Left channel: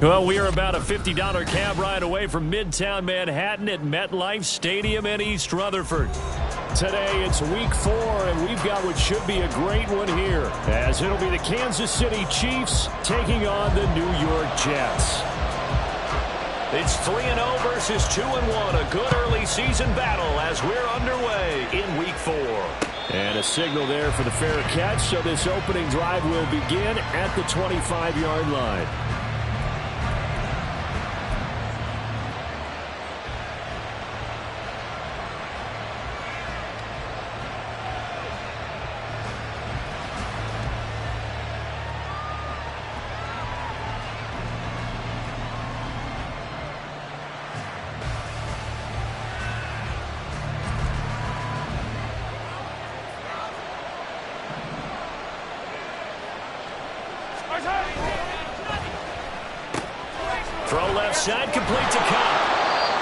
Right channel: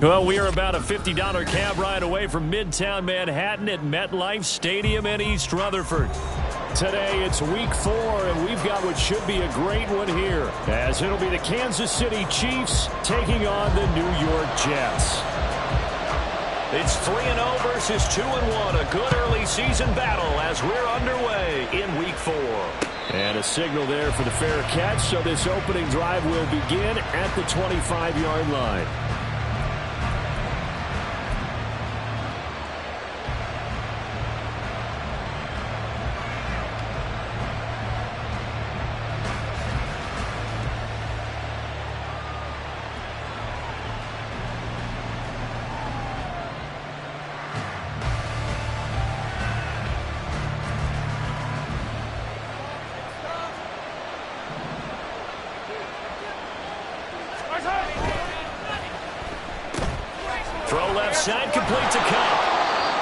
Well, we are about a $50 cab ride away from Midtown Manhattan at MetLife Stadium in East Rutherford. Today, it's week 4, and we've got what should be a great one here, as it'll be the Kansas City Chiefs taking on the New York Jets. It's 3-0 versus 2-1, a good early season battle as we're underway in week 4. And a signal there for the fair catch, so this opening drive will begin at the 25-yard line. Throw left side, complete to Cup.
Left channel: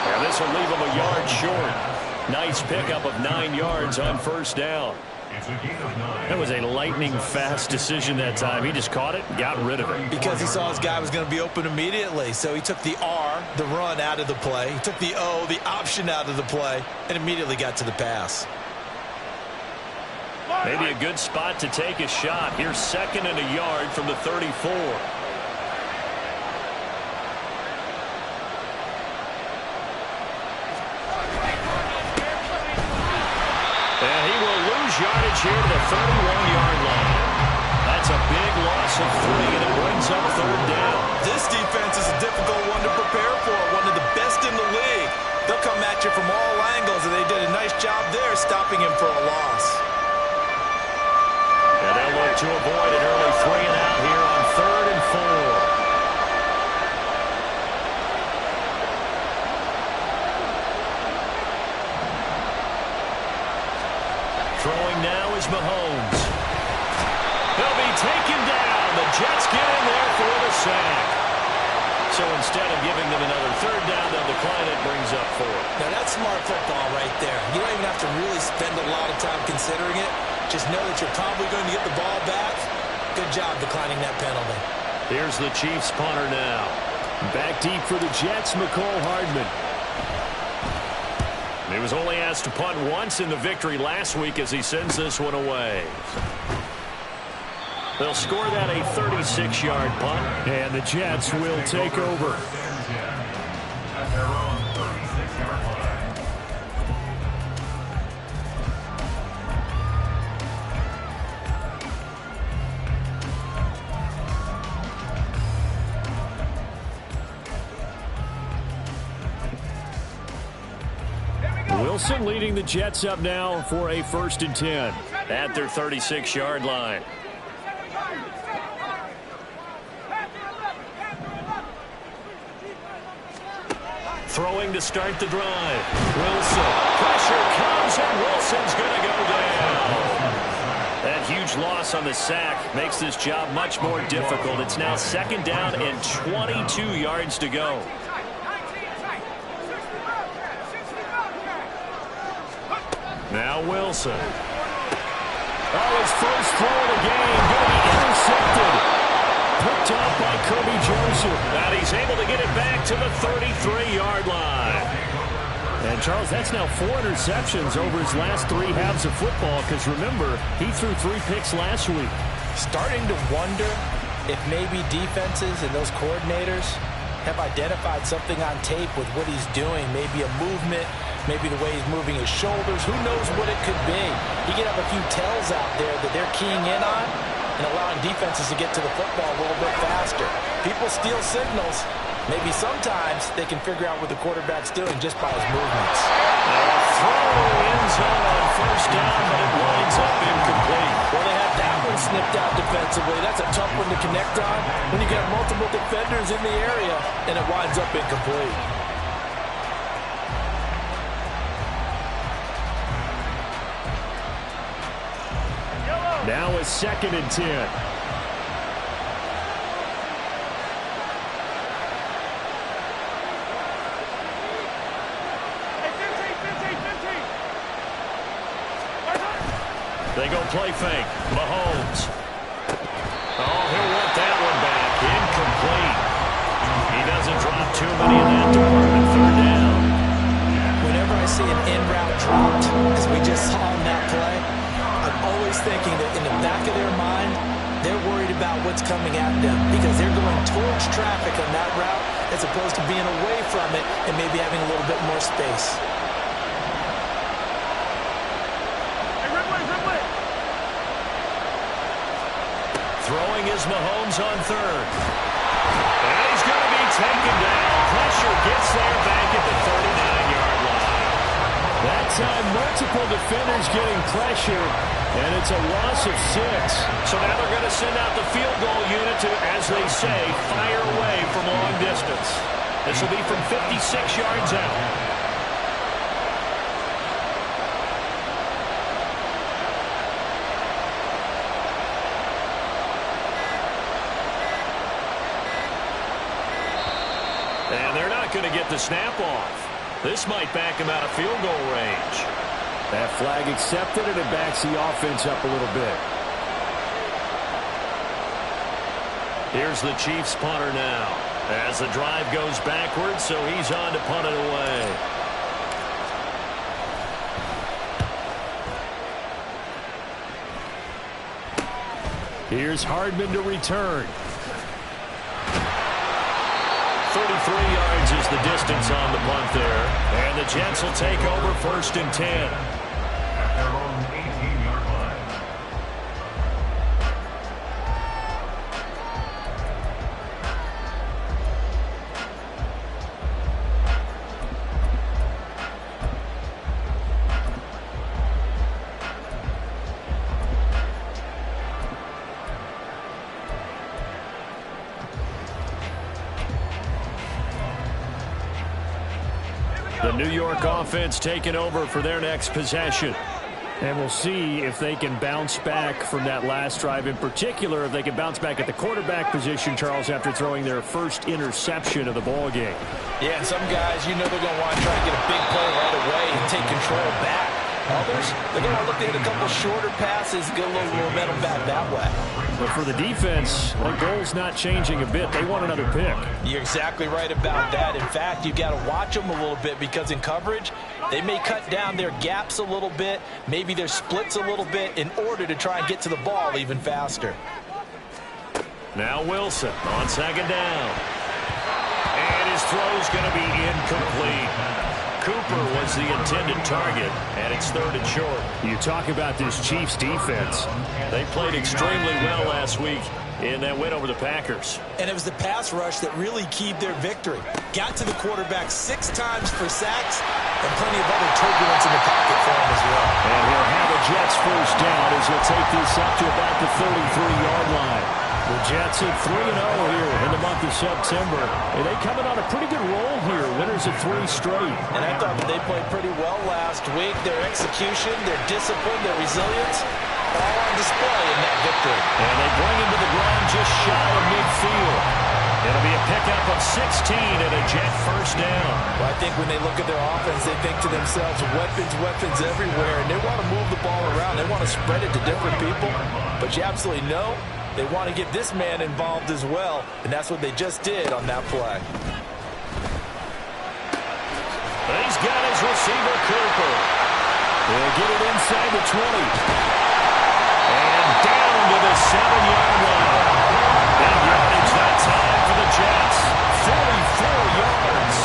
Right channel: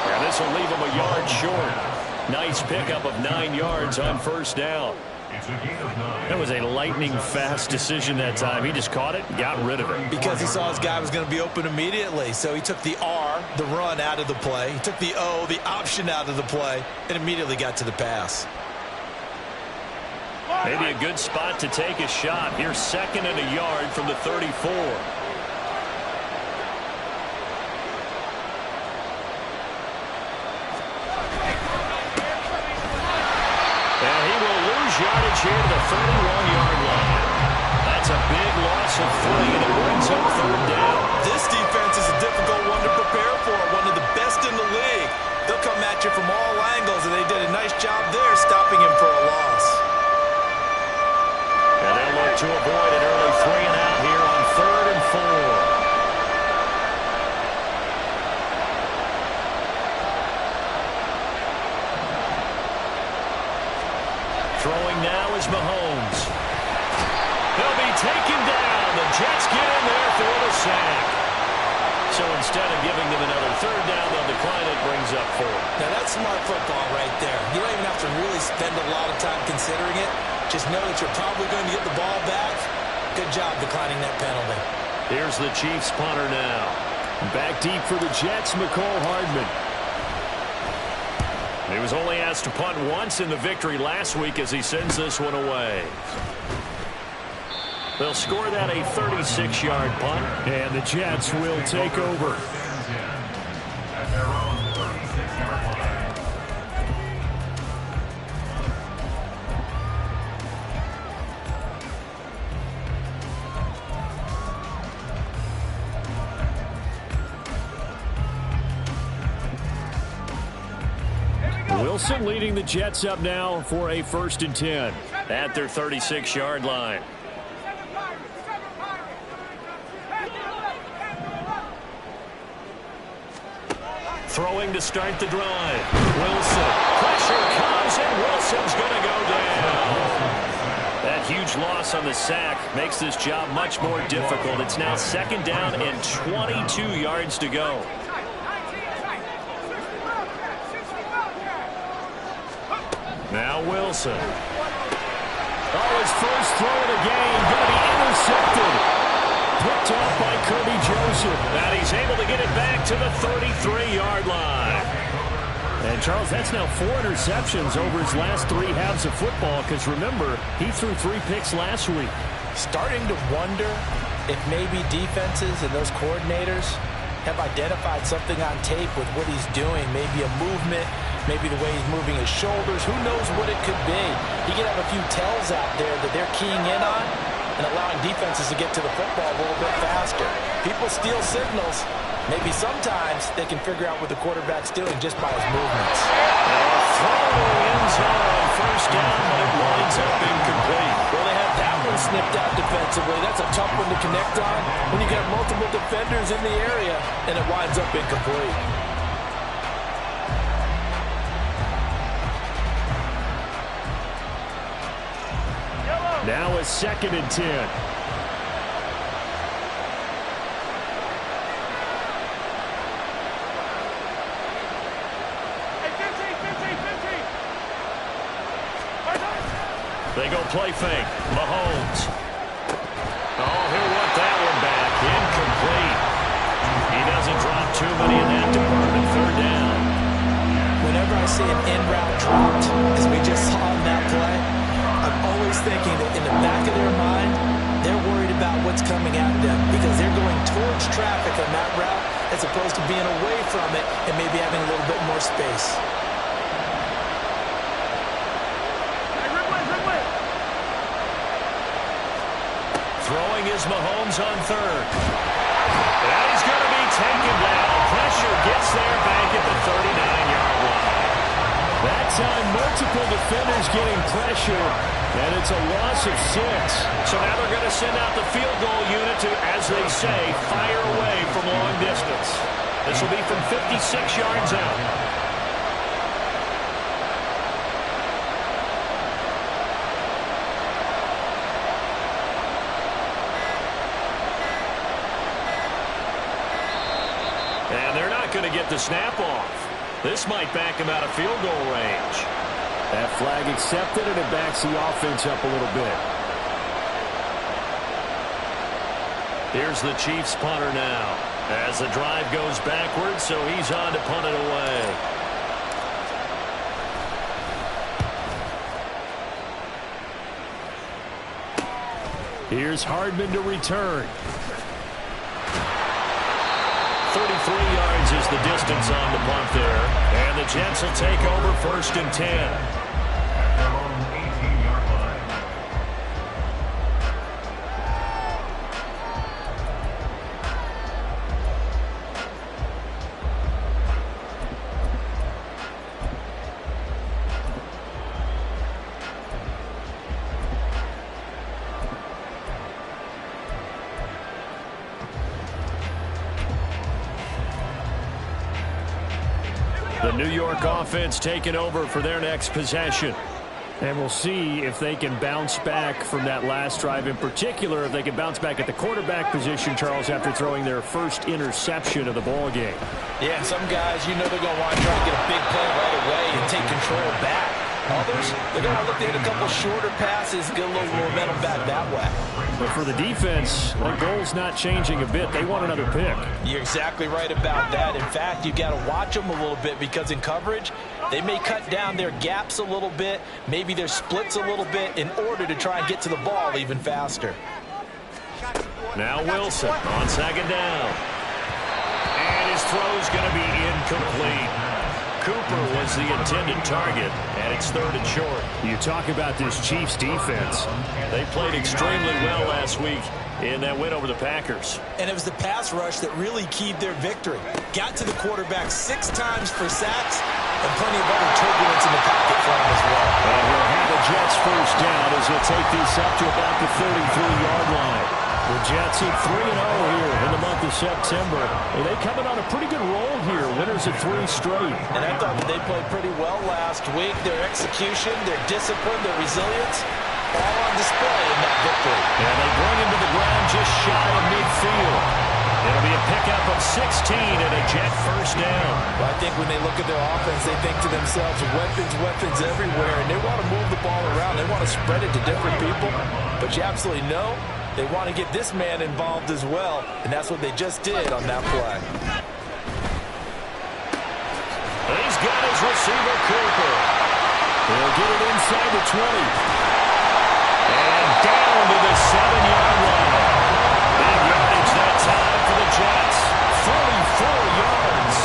And this will leave him a yard short. Nice pickup of 9 yards on first down. That was a lightning-fast decision that time. He just caught it and got rid of it. Because he saw his guy was going to be open immediately. So he took the R, the run, out of the play. He took the O, the option, out of the play, and immediately got to the pass. Maybe a good spot to take a shot. Here's 2nd and a yard from the 34. And he will lose yardage here to the 31-yard line. That's a big loss of 3, and it brings up 3rd down. This defense is a difficult one to prepare for, one of the best in the league. They'll come at you from all angles, and they did a nice job there stopping him for a loss. And they'll look to avoid an early 3 and out here on 3rd and 4. Throwing now is Mahomes. He'll be taken down. The Jets get in there for the sack. So instead of giving them another 3rd down, they'll decline it, brings up 4. Now that's smart football right there. You don't even have to really spend a lot of time considering it. Just know that you're probably going to get the ball back. Good job declining that penalty. Here's the Chiefs punter now. Back deep for the Jets, McCole Hardman. He was only asked to punt once in the victory last week as he sends this one away. They'll score that a 36-yard punt, and the Jets will take over. At their own 36-yard line. Wilson leading the Jets up now for a 1st and 10 at their 36-yard line. Throwing to start the drive. Wilson. Pressure comes, and Wilson's going to go down. That huge loss on the sack makes this job much more difficult. It's now 2nd down and 22 yards to go. Now Wilson. Oh, his first throw of the game. Going to be intercepted. Picked off by Kirby Joseph. And he's able to get it back to the 33-yard line. And, Charles, that's now 4 interceptions over his last 3 halves of football. Because, remember, he threw 3 picks last week. Starting to wonder if maybe defenses and those coordinators have identified something on tape with what he's doing. Maybe a movement, maybe the way he's moving his shoulders. Who knows what it could be? He could have a few tells out there that they're keying in on and allowing defenses to get to the football a little bit faster. People steal signals. Maybe sometimes they can figure out what the quarterback's doing just by his movements. Throw end zone on first down, but it winds up incomplete. Well, they had that one one snipped out defensively. That's a tough one to connect on when you got multiple defenders in the area, and it winds up incomplete. Now it's 2nd and 10. They go play fake. Mahomes. Oh, he'll want that one back. Incomplete. He doesn't drop too many in that department. 3rd down. Whenever I see an in route dropped, as we just saw in that play, I'm always thinking that in the back of their mind, they're worried about what's coming at them because they're going towards traffic on that route as opposed to being away from it and maybe having a little bit more space. Throwing is Mahomes on 3rd. And he's going to be taken down. Pressure gets there back at the 39-yard line. That time, multiple defenders getting pressure, and it's a loss of 6. So now they're going to send out the field goal unit to, as they say, fire away from long distance. This will be from 56 yards out. And they're not going to get the snap off. This might back him out of field goal range. That flag accepted, and it backs the offense up a little bit. Here's the Chiefs punter now as the drive goes backwards, so he's on to punt it away. Here's Hardman to return. 33 yards is the distance on the punt there. And the Jets will take over 1st and 10. At their own 18-yard line. The New York offense taking over for their next possession. And we'll see if they can bounce back from that last drive, in particular if they can bounce back at the quarterback position, Charles, after throwing their first interception of the ball game. Yeah, and some guys, you know they're going to want to try to get a big play right away and take control back. Others, they're going to look to hit a couple shorter passes, get a little momentum back that way. But for the defense, that goal's not changing a bit. They want another pick. You're exactly right about that. In fact, you've got to watch them a little bit because in coverage, they may cut down their gaps a little bit, maybe their splits a little bit in order to try and get to the ball even faster. Now Wilson on 2nd down. And his throw's going to be incomplete. Cooper was the intended target, and it's 3rd and short. You talk about this Chiefs defense. They played extremely well last week in that win over the Packers. And it was the pass rush that really keyed their victory. Got to the quarterback 6 times for sacks and plenty of other turbulence in the pocket for him as well. And he'll have a Jets 1st down as he'll take this up to about the 33-yard line. The Jets at 3-0 here in the month of September. And they coming on a pretty good roll here. Winners of 3 straight. And I thought that they played pretty well last week. Their execution, their discipline, their resilience, all on display in that victory. And they bring him to the ground just shy of midfield. It'll be a pickup of 16 and a Jet 1st down. Well, I think when they look at their offense, they think to themselves, weapons, weapons everywhere. And they want to move the ball around. They want to spread it to different people. But you absolutely know they want to get this man involved as well, and that's what they just did on that play. He's got his receiver, Cooper. He'll get it inside the 20. And down to the 7-yard line. Big yardage that time for the Jets. 44 yards.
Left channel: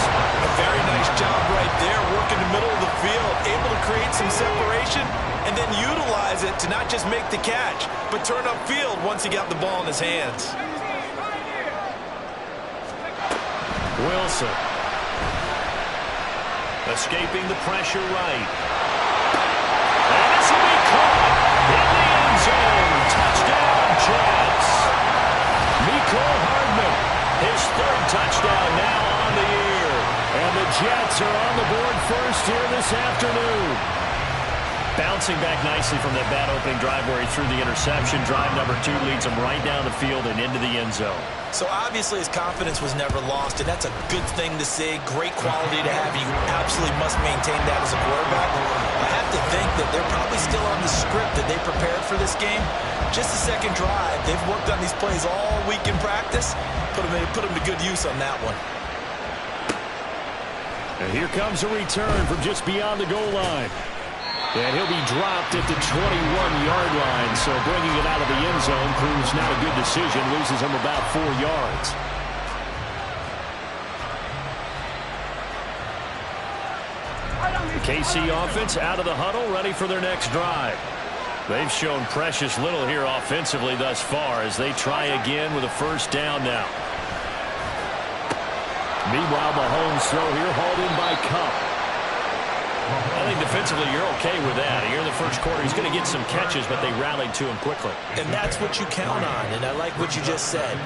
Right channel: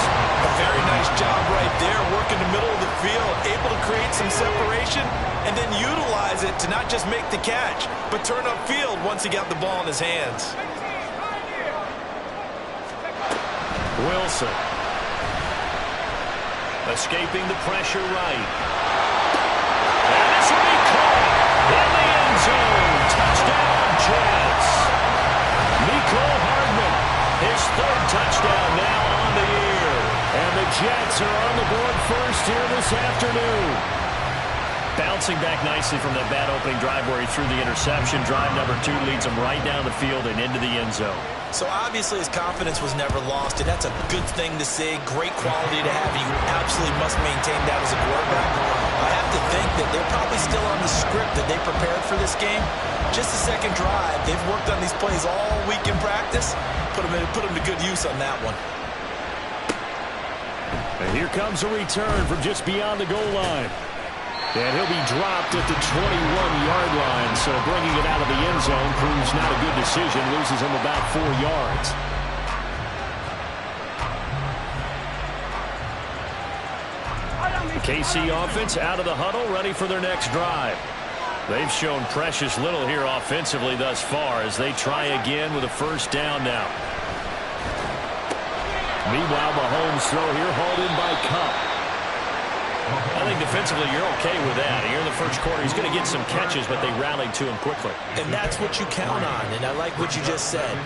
A very nice job right there, working the middle of the field, able to create some separation, and then utilize it to not just make the catch, but turn upfield once he got the ball in his hands. Wilson. Escaping the pressure right. And this will be caught in the end zone. Touchdown. touchdown now on the year. And the Jets are on the board first here this afternoon. Bouncing back nicely from that bad opening drive where he threw the interception. Drive number 2 leads him right down the field and into the end zone. So obviously his confidence was never lost, and that's a good thing to see. Great quality to have. You absolutely must maintain that as a quarterback. I have to think that they're probably still on the script that they prepared for this game. Just the second drive. They've worked on these plays all week in practice. Put them to good use on that one. And here comes a return from just beyond the goal line. And he'll be dropped at the 21-yard line, so bringing it out of the end zone proves not a good decision. Loses him about 4 yards. KC offense out of the huddle, ready for their next drive. They've shown precious little here offensively thus far as they try again with a first down now. Meanwhile, Mahomes' throw here hauled in by Kupp. I think defensively you're okay with that. Here in the first quarter, he's going to get some catches, but they rallied to him quickly. And that's what you count on, and I like what you just said.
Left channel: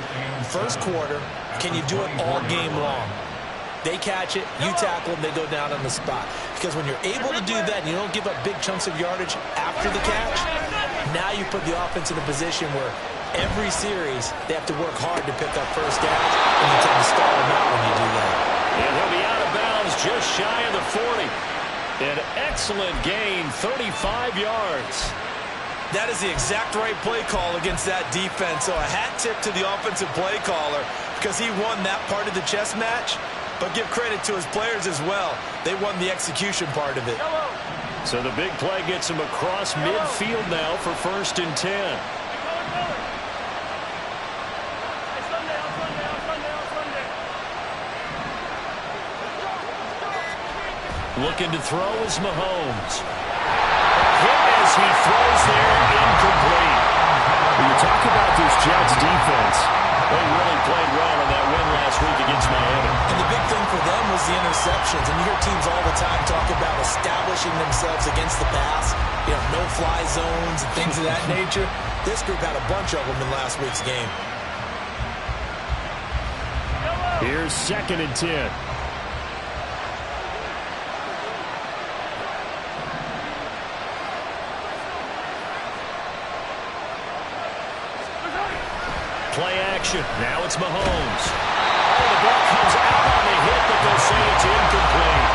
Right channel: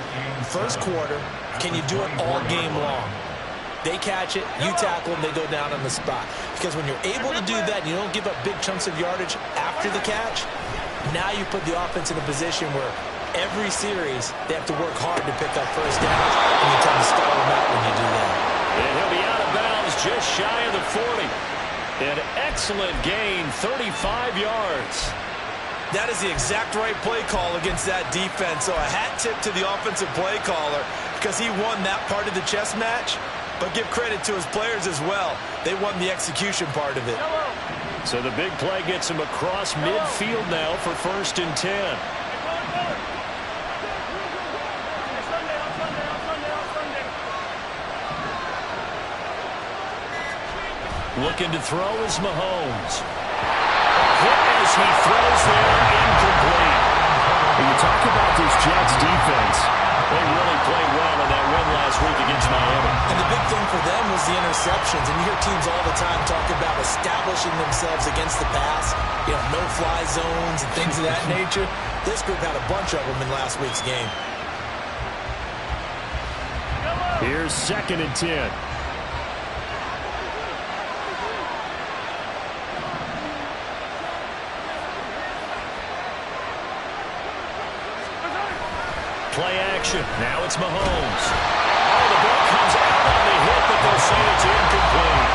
First quarter, can you do it all game long? They catch it, you tackle them, they go down on the spot. Because when you're able to do that and you don't give up big chunks of yardage after the catch, now you put the offense in a position where every series they have to work hard to pick up first downs, and you tend to stall them out when you do that. And he'll be out of bounds just shy of the 40. An excellent gain, 35 yards. That is the exact right play call against that defense. So a hat tip to the offensive play caller because he won that part of the chess match. But give credit to his players as well. They won the execution part of it. So the big play gets him across midfield now for 1st and 10. Looking to throw is Mahomes. Hit as he throws there, incomplete. When you talk about this Jets defense, they really played well in that win last week against Miami. And the big thing for them was the interceptions. And you hear teams all the time talk about establishing themselves against the pass. You know, no-fly zones and things of that nature. This group had a bunch of them in last week's game. Here's 2nd and 10. Play action. Now it's Mahomes. Oh, the ball comes out on the hit, but they'll say it's incomplete.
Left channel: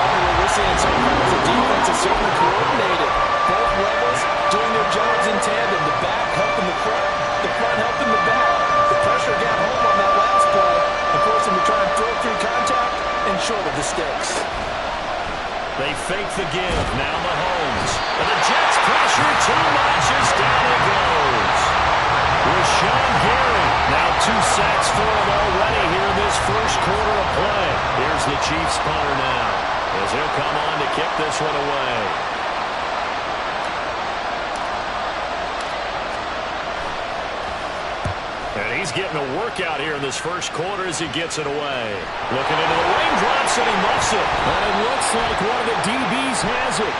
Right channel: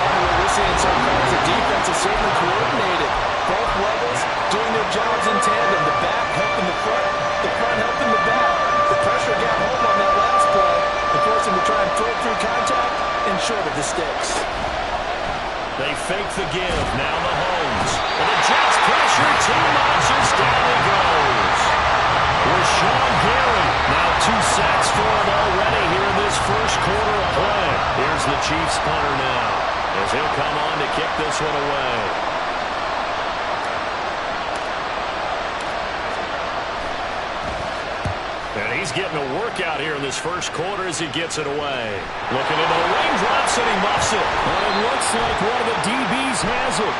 Partner, what we're seeing so far is the defense is certainly coordinated. Both levels doing their jobs in tandem. The back helping the front helping the back. The pressure got home on that last play and forced him to try and throw through contact and short of the sticks. They fake the give. Now Mahomes. And the Jets pressure too much as down he goes. Rashawn Gary, now 2 sacks for him already here in this first quarter of play. Here's the Chiefs punter now as he'll come on to kick this one away. And he's getting a workout here in this first quarter as he gets it away. Looking into the raindrops and he muffs it. And it looks like one of the DBs has it.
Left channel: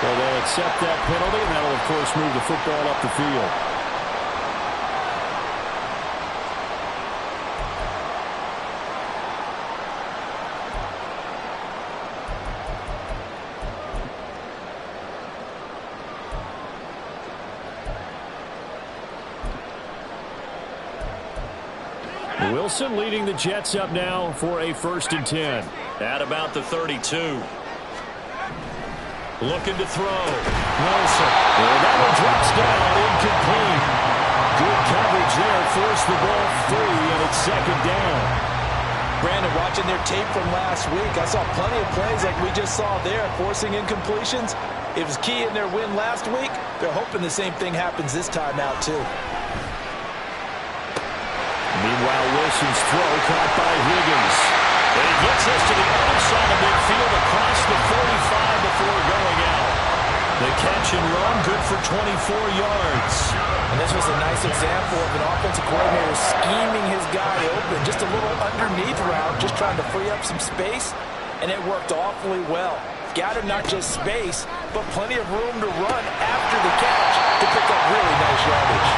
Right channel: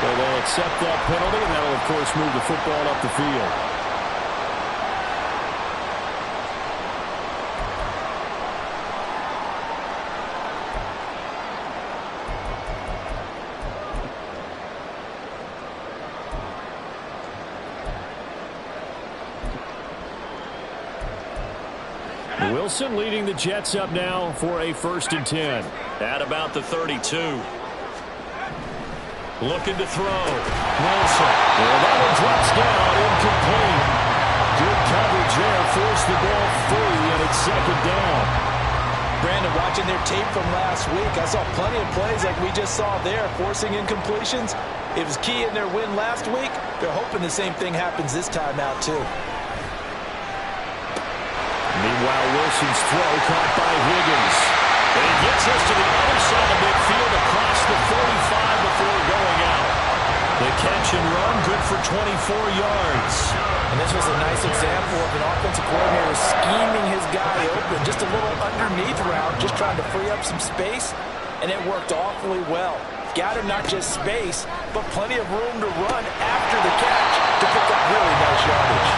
So they'll accept that penalty, and that'll, of course, move the football up the field. Wilson leading the Jets up now for a 1st and 10. At about the 32. Looking to throw. Wilson. And that one drops down, incomplete. Good coverage there. Forced the ball free, and it's 2nd down. Brandon, watching their tape from last week, I saw plenty of plays like we just saw there, forcing incompletions. It was key in their win last week. They're hoping the same thing happens this time out, too. Meanwhile, Wilson's throw caught by Higgins. And he gets us to the other side of midfield across the 45 before going out. The catch and run, good for 24 yards. And this was a nice example of an offensive coordinator scheming his guy open. Just a little underneath route, just trying to free up some space. And it worked awfully well. Got him not just space, but plenty of room to run after the catch to pick up really nice yardage.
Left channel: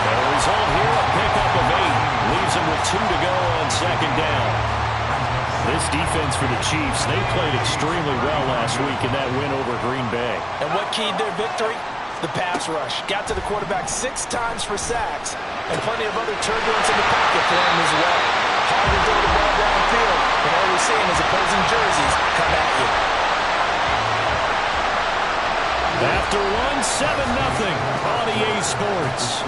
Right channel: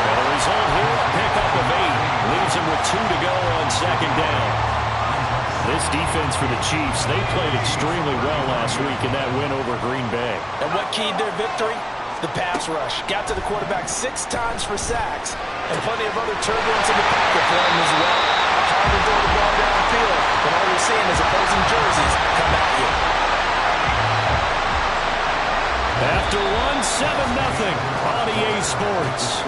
And the result here, a pickup of 8. Leaves throws him with 2 to go on second down. This defense for the Chiefs, they played extremely well last week in that win over Green Bay. And what keyed their victory? The pass rush. Got to the quarterback 6 times for sacks, and plenty of other turbulence in the pocket for him as well. Hard to throw the ball downfield when all you're seeing is opposing jerseys come at you. After one, 7-0 on EA Sports.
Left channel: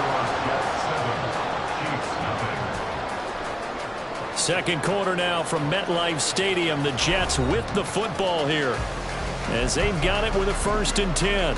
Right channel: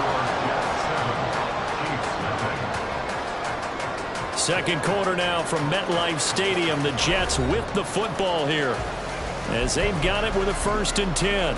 Second quarter now from MetLife Stadium. The Jets with the football here as they've got it with a 1st and 10.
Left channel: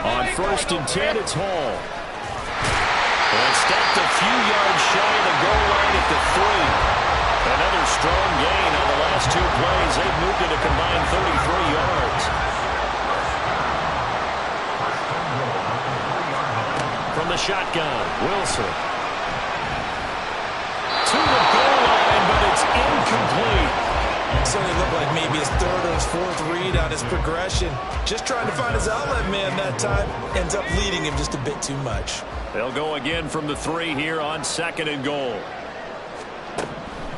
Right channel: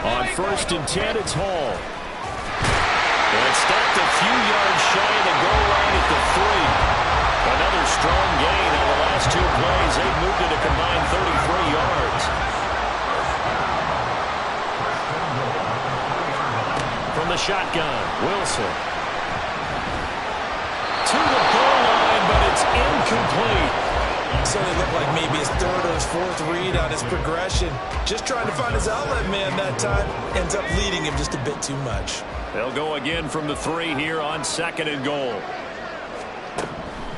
On 1st and 10, it's Hall. And stopped a few yards shy of the goal line at the 3. Another strong gain on the last 2 plays. They've moved it a combined 33 yards. From the shotgun, Wilson. To the goal line, but it's incomplete. Certainly looked like maybe his 3rd or his 4th read on his progression. Just trying to find his outlet man that time. Ends up leading him just a bit too much. They'll go again from the 3 here on 2nd and goal.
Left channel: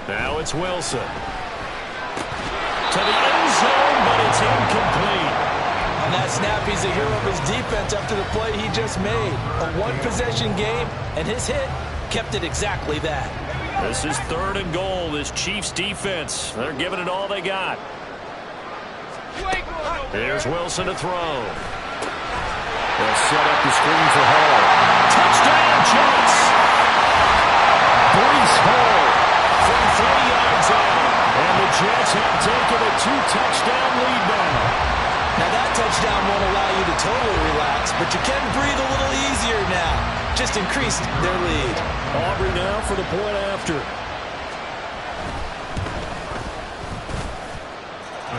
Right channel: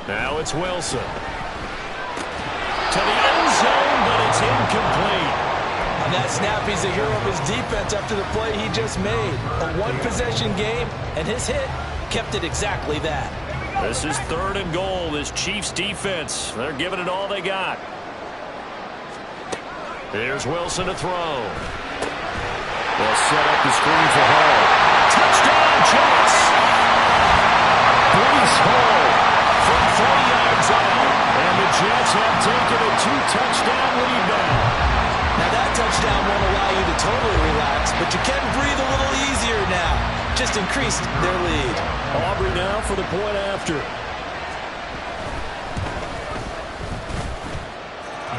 Now it's Wilson. To the end zone, but it's incomplete. On that snap, he's a hero of his defense after the play he just made. A 1-possession game, and his hit kept it exactly that. This is 3rd and goal. This Chiefs defense, they're giving it all they got. Here's Wilson to throw. They'll set up the screen for Hall. Touchdown, Jets! Breece Hall from 40 yards out. And the Jets have taken a 2-touchdown lead now. Now that touchdown won't allow you to totally relax, but you can breathe a little easier now. Just increased their lead. Aubrey now for the point after.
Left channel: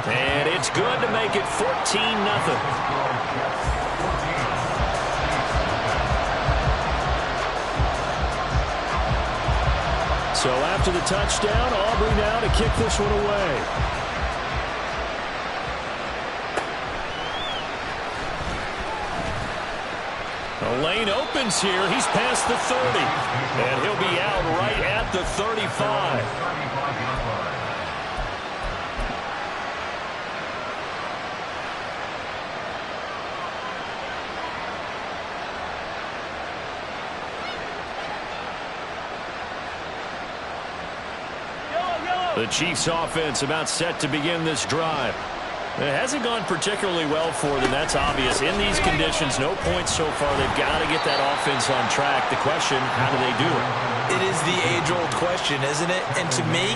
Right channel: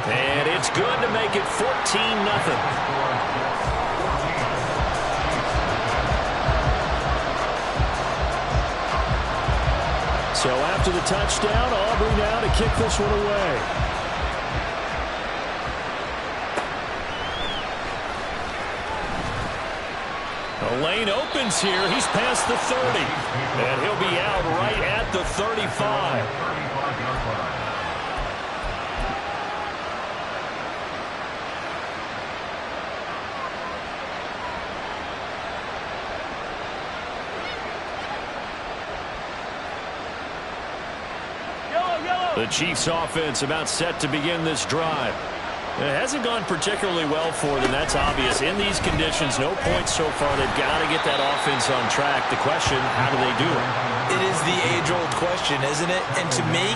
And it's good to make it 14-0. So after the touchdown, Aubrey now to kick this one away. The lane opens here. He's past the 30. And he'll be out right at the 35. The Chiefs offense about set to begin this drive. It hasn't gone particularly well for them. That's obvious. In these conditions, no points so far. They've got to get that offense on track. The question, how do they do it? It is the age-old question, isn't it? And to me,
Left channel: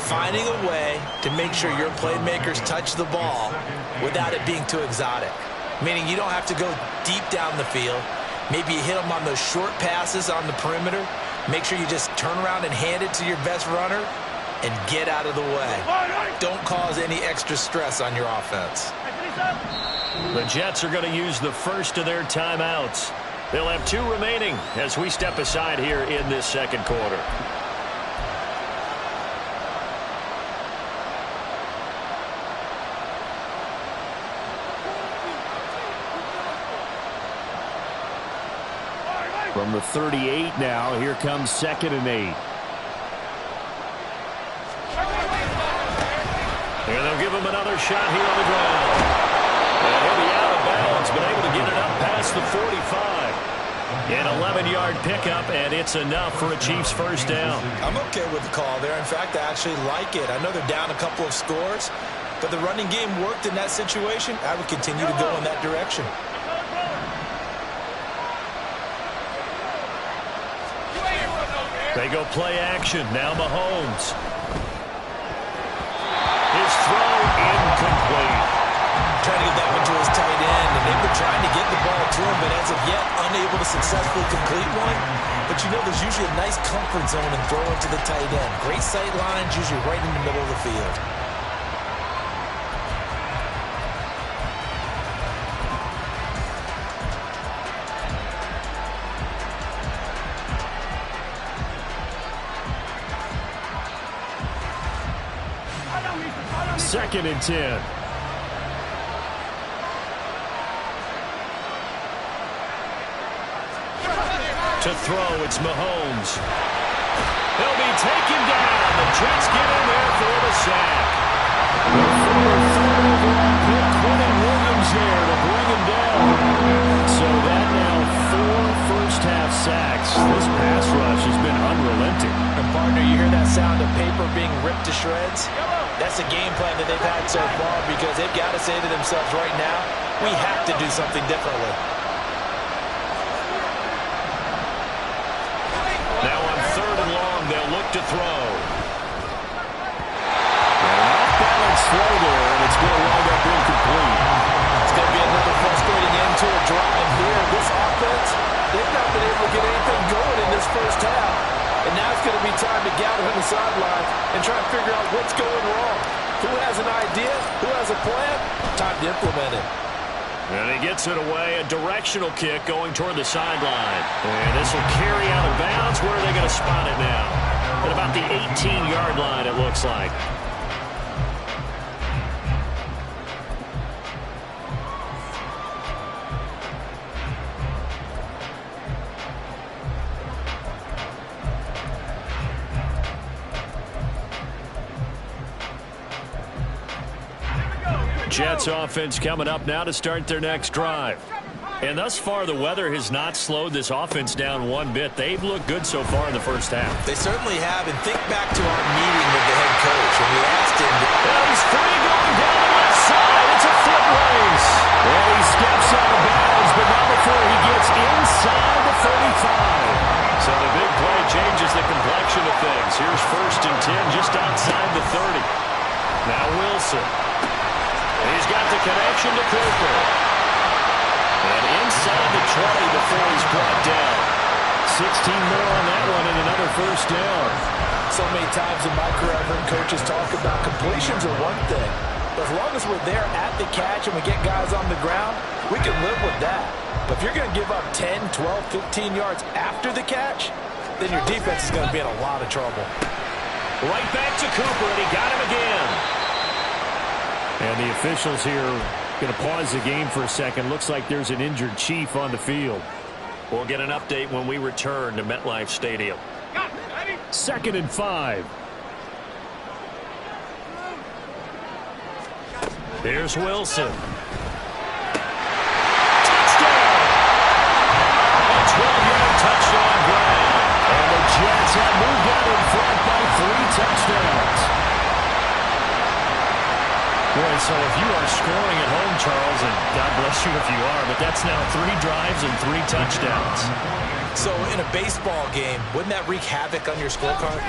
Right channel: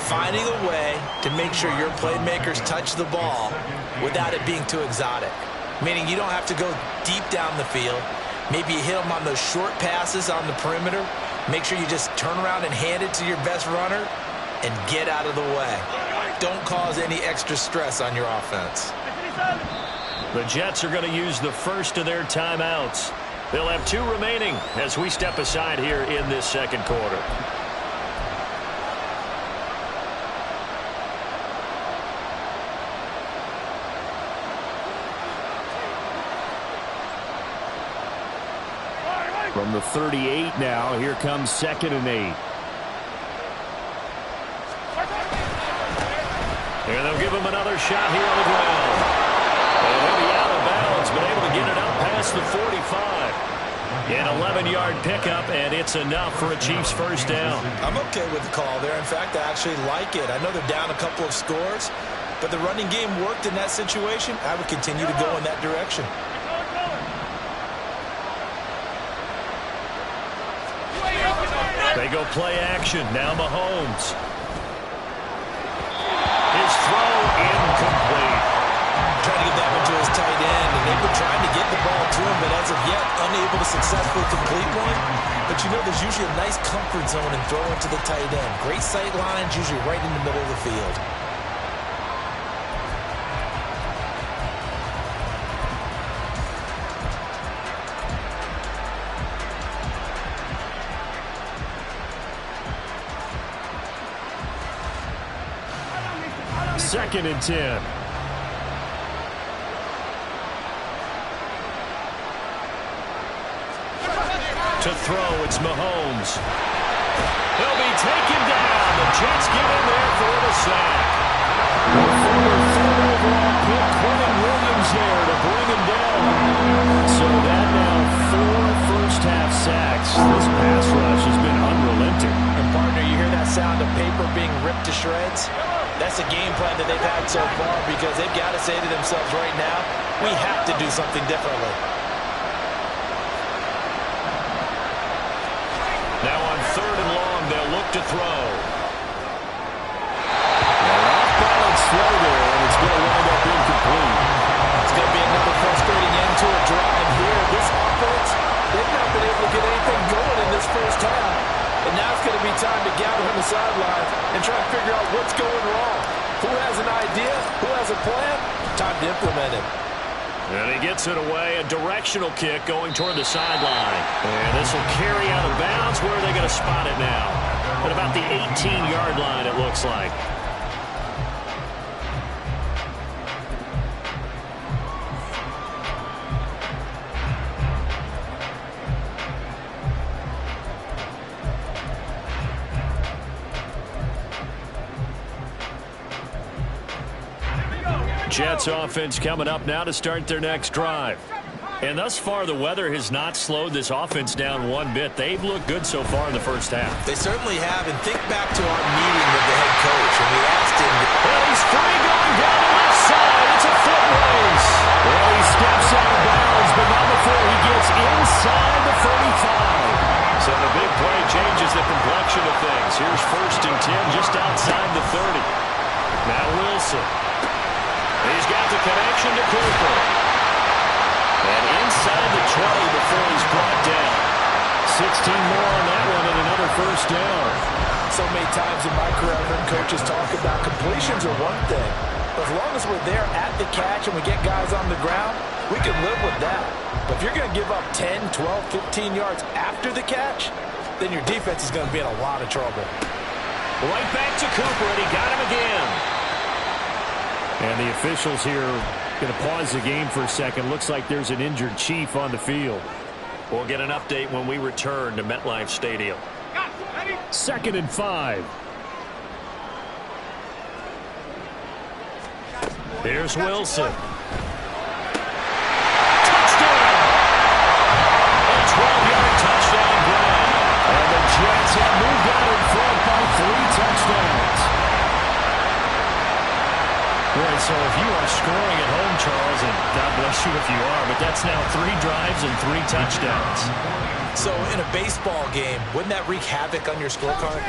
finding a way to make sure your playmakers touch the ball without it being too exotic. Meaning you don't have to go deep down the field. Maybe you hit them on those short passes on the perimeter. Make sure you just turn around and hand it to your best runner and get out of the way. Don't cause any extra stress on your offense. The Jets are going to use the first of their timeouts. They'll have 2 remaining as we step aside here in this second quarter. From the 38 now, here comes 2nd and 8. And they'll give him another shot here on the ground. And he'll be out of bounds, but able to get it up past the 45. An 11-yard pickup, and it's enough for a Chiefs first down. I'm okay with the call there. In fact, I actually like it. I know they're down a couple of scores, but the running game worked in that situation. I would continue to go in that direction. They go play action. Now Mahomes. His throw incomplete. Trying to get that one to his tight end, and and they've been trying to get the ball to him, but as of yet, unable to successfully complete one. But you know, there's usually a nice comfort zone in throwing to the tight end. Great sight lines, usually right in the middle of the field. Second and 10. To throw, it's Mahomes. He'll be taken down. The Jets get in there for the sack. The former third overall pick, Quentin Williams, there to bring him down. So that now 4 first-half sacks. This pass rush has been unrelenting. And partner, you hear that sound of paper being ripped to shreds? That's a game plan that they've had so far, because they've got to say to themselves right now, we have to do something differently. Now on third and long, they'll look to throw. And an off-balance throw there, and it's going to wind up incomplete. It's going to be another frustrating end to a drive here. This offense, they've not been able to get anything going in this first half. And now it's going to be time to gather on the sidelines and try and figure out what's going wrong. Who has an idea? Who has a plan? Time to implement it. And he gets it away, a directional kick going toward the sideline. And this will carry out of bounds. Where are they going to spot it now? At about the 18-yard line, it looks like. Jets offense coming up now to start their next drive. And thus far, the weather has not slowed this offense down one bit. They've looked good so far in the first half. They certainly have. And think back to our meeting with the head coach, and we asked him. Well, he's free going down the left side. It's a foot race. Well, he steps out of bounds, but not before he gets inside the 35. So the big play changes the complexion of things. Here's first and 10 just outside the 30. Now Wilson. He's got the connection to Cooper. And inside the 20 before he's brought down. 16 more on that one and another first down. So many times in my career I've heard coaches talk about completions are one thing. But as long as we're there at the catch and we get guys on the ground, we can live with that. But if you're going to give up 10, 12, 15 yards after the catch, then your defense is going to be in a lot of trouble. Right back to Cooper, and he got him again. And the officials here going to pause the game for a second. Looks like there's an injured Chief on the field. We'll get an update when we return to MetLife Stadium. Second and 5. Here's Wilson. Touchdown! A 12-yard touchdown grab. And the Jets have moved out in front by 3 touchdowns. Boy, so if you are scoring at home, Charles, and God bless you if you are, but that's now 3 drives and 3 touchdowns. So in a baseball game, wouldn't that wreak havoc on your scorecard?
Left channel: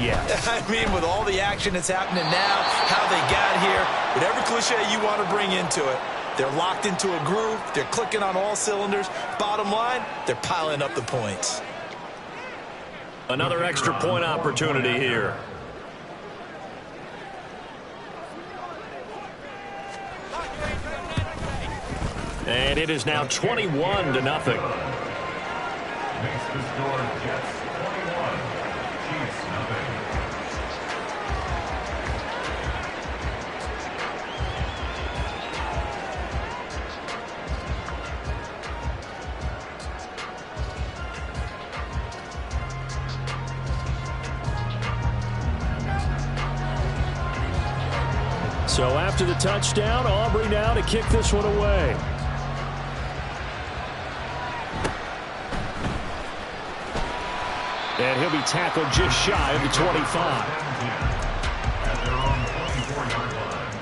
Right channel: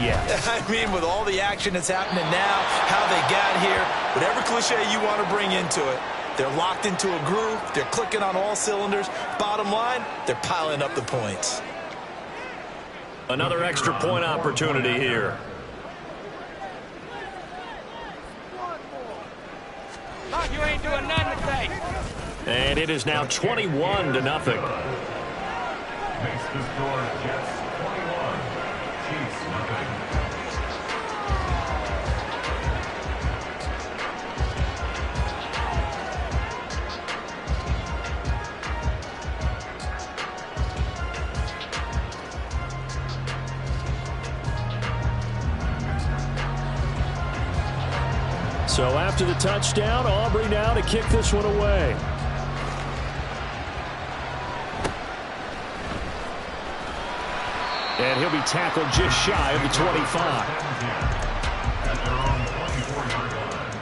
Yeah. I mean, with all the action that's happening now, how they got here, whatever cliche you want to bring into it, they're locked into a groove, they're clicking on all cylinders. Bottom line, they're piling up the points. Another extra point opportunity here. And it is now 21-0. Makes the score Jets 21, Chiefs nothing. So after the touchdown, Aubrey now to kick this one away. And he'll be tackled just shy of the 25. At their own 24-yard line.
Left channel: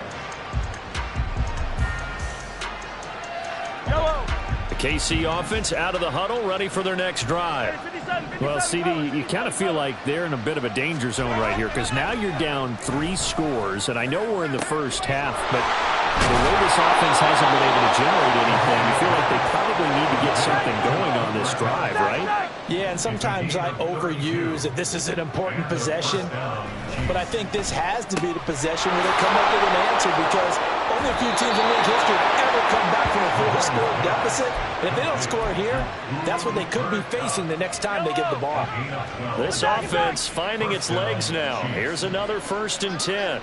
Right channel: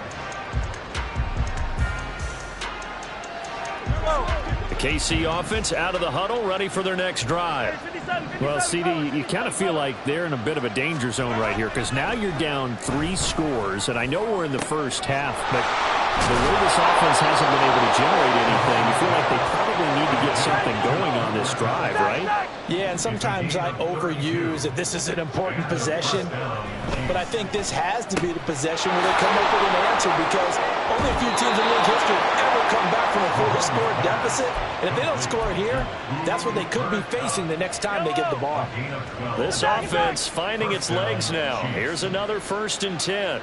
The KC offense out of the huddle, ready for their next drive. Well, CD, you kind of feel like they're in a bit of a danger zone right here because now you're down 3 scores, and I know we're in the first half, but The way this offense hasn't been able to generate anything, you feel like they probably need to get something going on this drive, right? Yeah, and sometimes I overuse that this is an important possession, but I think this has to be the possession where they come up with an answer, because only a few teams in league history ever come back from a four-score deficit. And if they don't score here, that's what they could be facing the next time they get the ball. This offense finding its legs now. Here's another 1st and 10.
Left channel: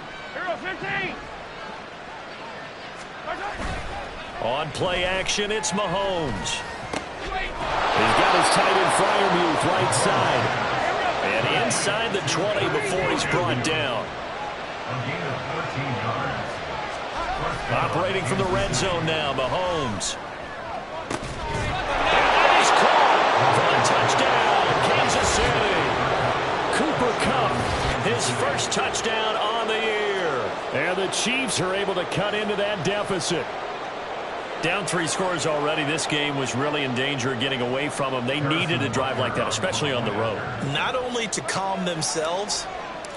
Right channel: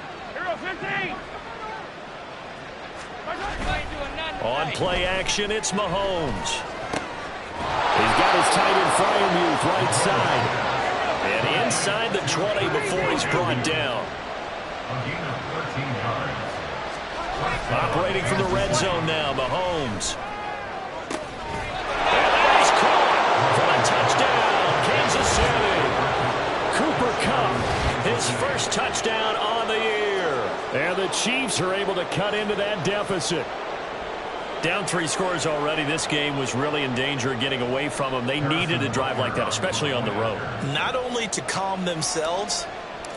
On play action, it's Mahomes. He's got his tight end Freiermuth right side. And inside the 20 before he's brought down. Operating from the red zone now, Mahomes. And that is caught for a touchdown, Kansas City. Cooper Kupp, his first touchdown on the year. And the Chiefs are able to cut into that deficit. Down 3 scores already. This game was really in danger of getting away from them. They needed a drive like that, especially on the road. Not only to calm themselves,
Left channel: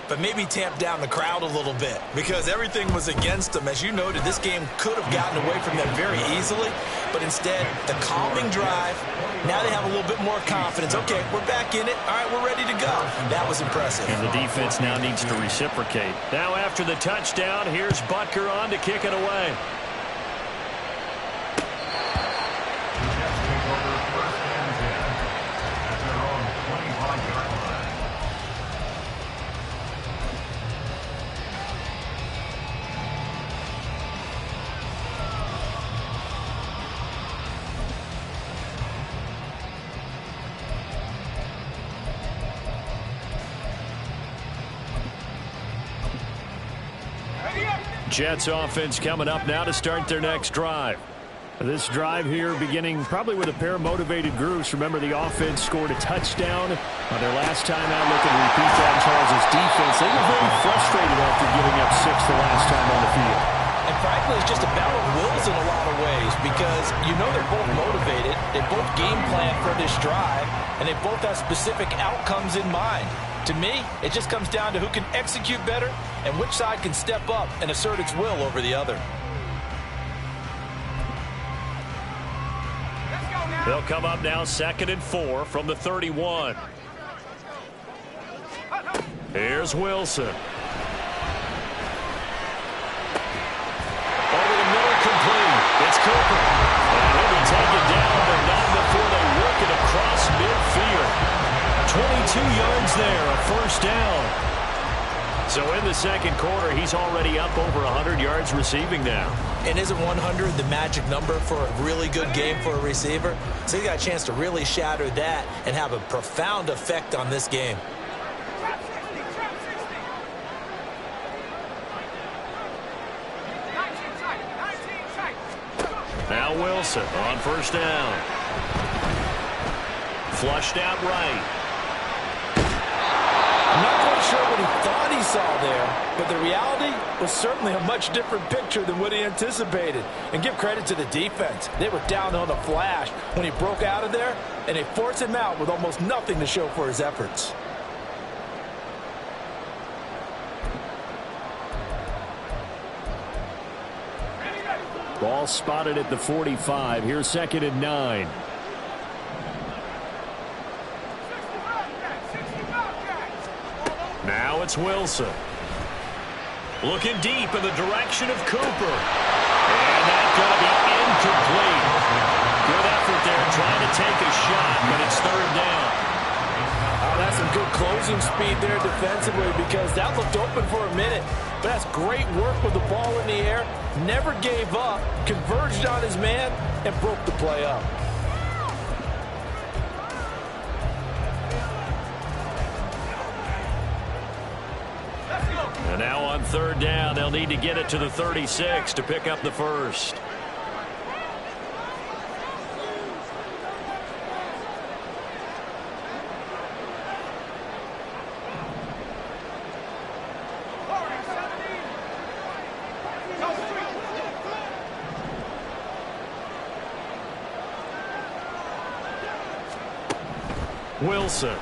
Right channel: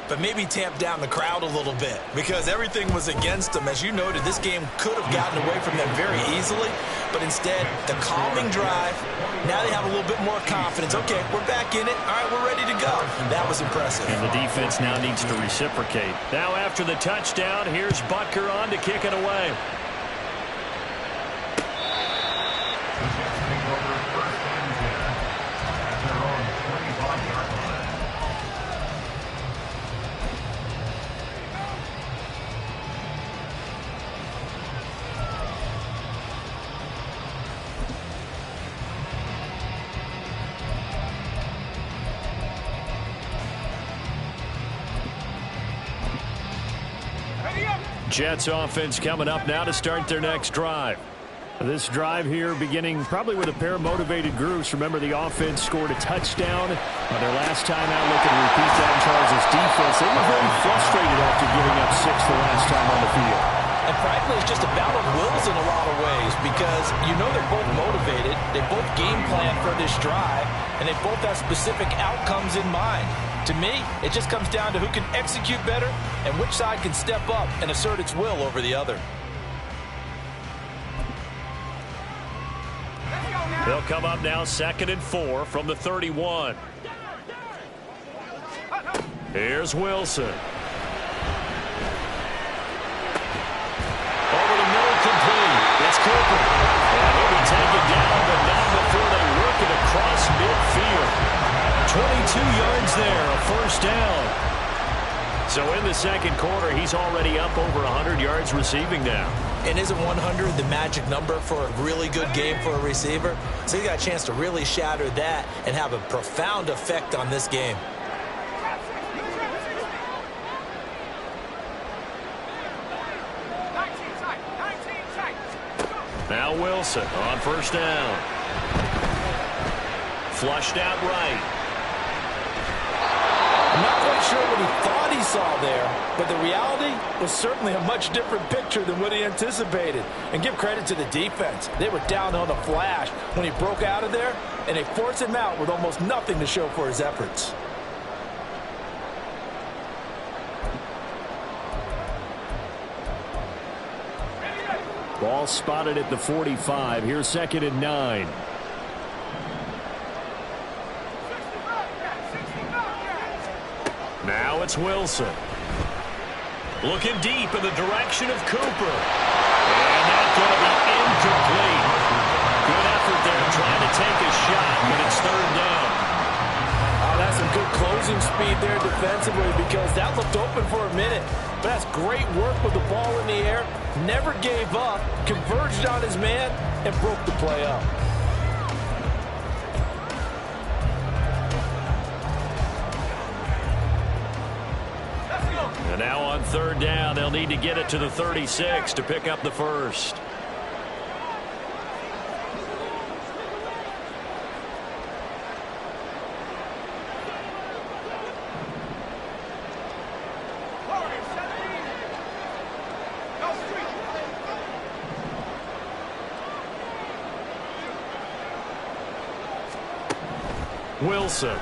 but maybe tamp down the crowd a little bit, because everything was against them. As you noted, this game could have gotten away from them very easily, but instead, the calming drive, now they have a little bit more confidence. Okay, we're back in it. All right, we're ready to go. That was impressive. And the defense now needs to reciprocate. Now after the touchdown, here's Butker on to kick it away. Over 1st and 10 at their own 25-yard line. Jets offense coming up now to start their next drive. This drive here beginning probably with a pair of motivated groups. Remember, the offense scored a touchdown on their last time out. Looking to repeat that in Charles' defense. They were very frustrated after giving up 6 the last time on the field. And frankly, it's just a battle of wills in a lot of ways, because you know they're both motivated. They both game plan for this drive, and they both have specific outcomes in mind. To me, it just comes down to who can execute better and which side can step up and assert its will over the other. They'll come up now 2nd and 4 from the 31. Here's Wilson. Over the middle, complete. It's Cooper. And he'll be taken down, but not before they work it across midfield. 22 yards there, a 1st down. So in the 2nd quarter, he's already up over 100 yards receiving now. And isn't 100 the magic number for a really good game for a receiver? So he got a chance to really shatter that and have a profound effect on this game. Now Wilson on 1st down. Flushed out right. I'm not quite sure what he thought he saw there, but the reality was certainly a much different picture than what he anticipated. And give credit to the defense. They were down on a flash when he broke out of there, and they forced him out with almost nothing to show for his efforts. Ball spotted at the 45. Here's 2nd and 9. Now it's Wilson. Looking deep in the direction of Cooper. And that's going to be incomplete. Good effort there trying to take a shot, but it's 3rd down. Oh, that's some good closing speed there defensively, because that looked open for a minute. But that's great work with the ball in the air. Never gave up, converged on his man, and broke the play up. And now on 3rd down, they'll need to get it to the 36 to pick up the 1st. Wilson.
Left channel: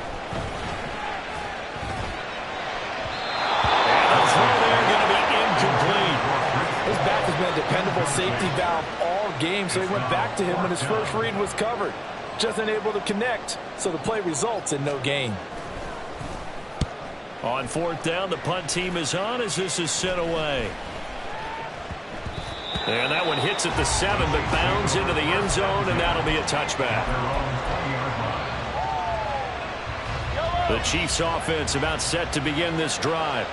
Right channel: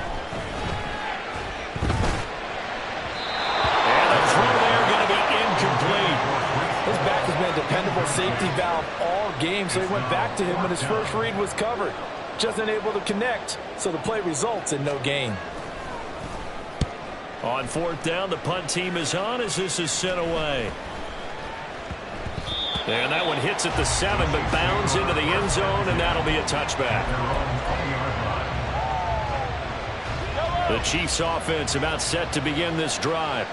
And the throw there going to be incomplete. His back has been a dependable safety valve all game, so he went back to him when his first read was covered. Just unable to connect, so the play results in no gain. On fourth down, the punt team is on as this is sent away. And that one hits at the 7, but bounds into the end zone, and that'll be a touchback. The Chiefs offense about set to begin this drive.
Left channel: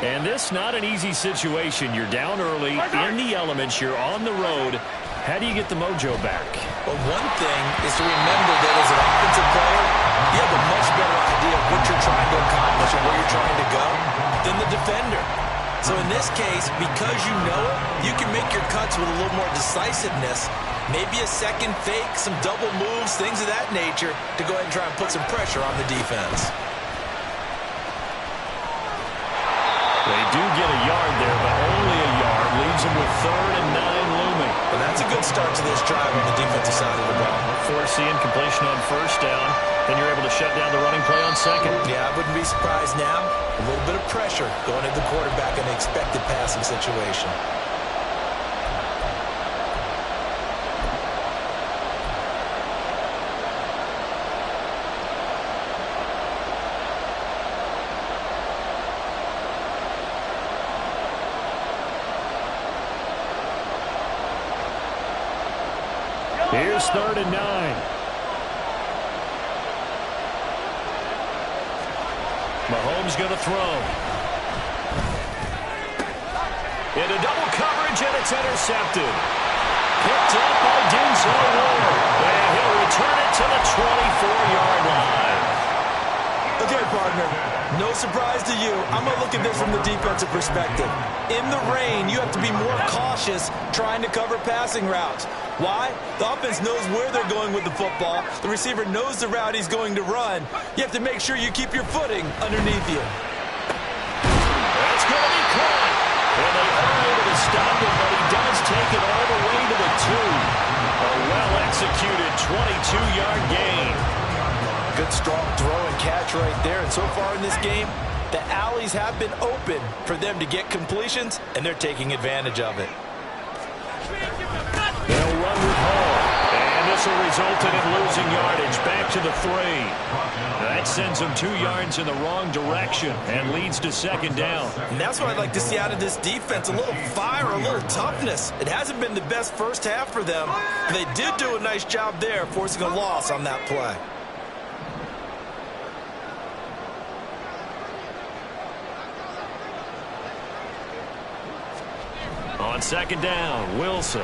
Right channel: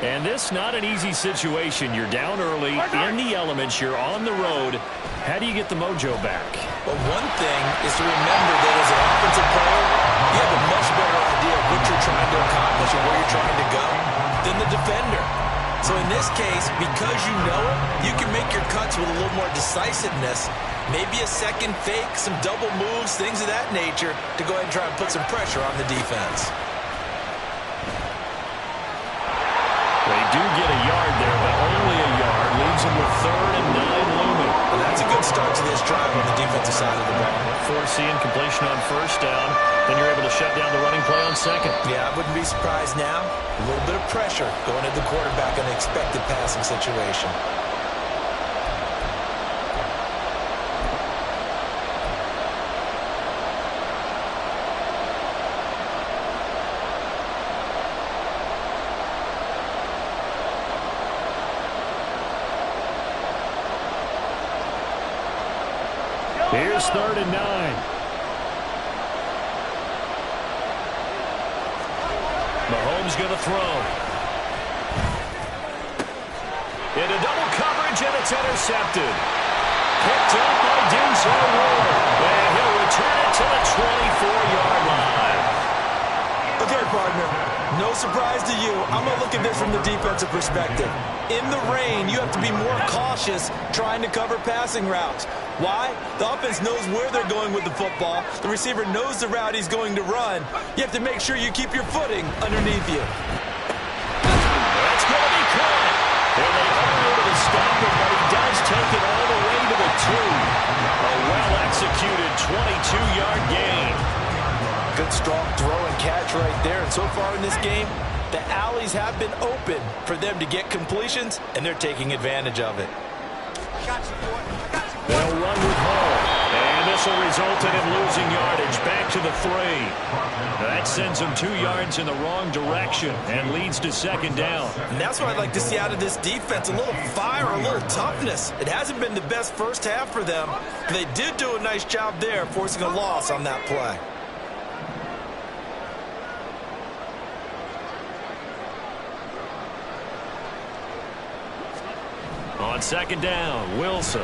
And this not an easy situation. You're down early, in the elements, you're on the road. How do you get the mojo back? Well, one thing is to remember that as an offensive player, you have a much better idea of what you're trying to accomplish and where you're trying to go than the defender. So in this case, because you know it, you can make your cuts with a little more decisiveness. Maybe a second fake, some double moves, things of that nature to go ahead and try and put some pressure on the defense. They do get a yard there, but only a yard. Leaves them with 3rd and 9 looming. Well, that's a good start to this drive on the defensive side of the ball. Foreseeing completion on first down. Then you're able to shut down the running play on second. Yeah, I wouldn't be surprised now. A little bit of pressure going at the quarterback in an expected passing situation. Here's 3rd and 9. Mahomes going to throw. Into double coverage, and it's intercepted. Picked up by Denzel Ward. And he'll return it to the 24-yard line. Okay, partner, no surprise to you. I'm going to look at this from the defensive perspective. In the rain, you have to be more cautious trying to cover passing routes. Why? The offense knows where they're going with the football. The receiver knows the route he's going to run. You have to make sure you keep your footing underneath you. That's going to be caught. And they are able to stop him, but he does take it all the way to the 2. A well-executed 22-yard gain. Good, strong throw and catch right there. And so far in this game, the alleys have been open for them to get completions, and they're taking advantage of it. They'll run with Hall. And this will result in him losing yardage back to the 3. That sends him 2 yards in the wrong direction and leads to 2nd down. And that's what I'd like to see out of this defense, a little fire, a little toughness. It hasn't been the best first half for them. They did do a nice job there, forcing a loss on that play. On 2nd down, Wilson.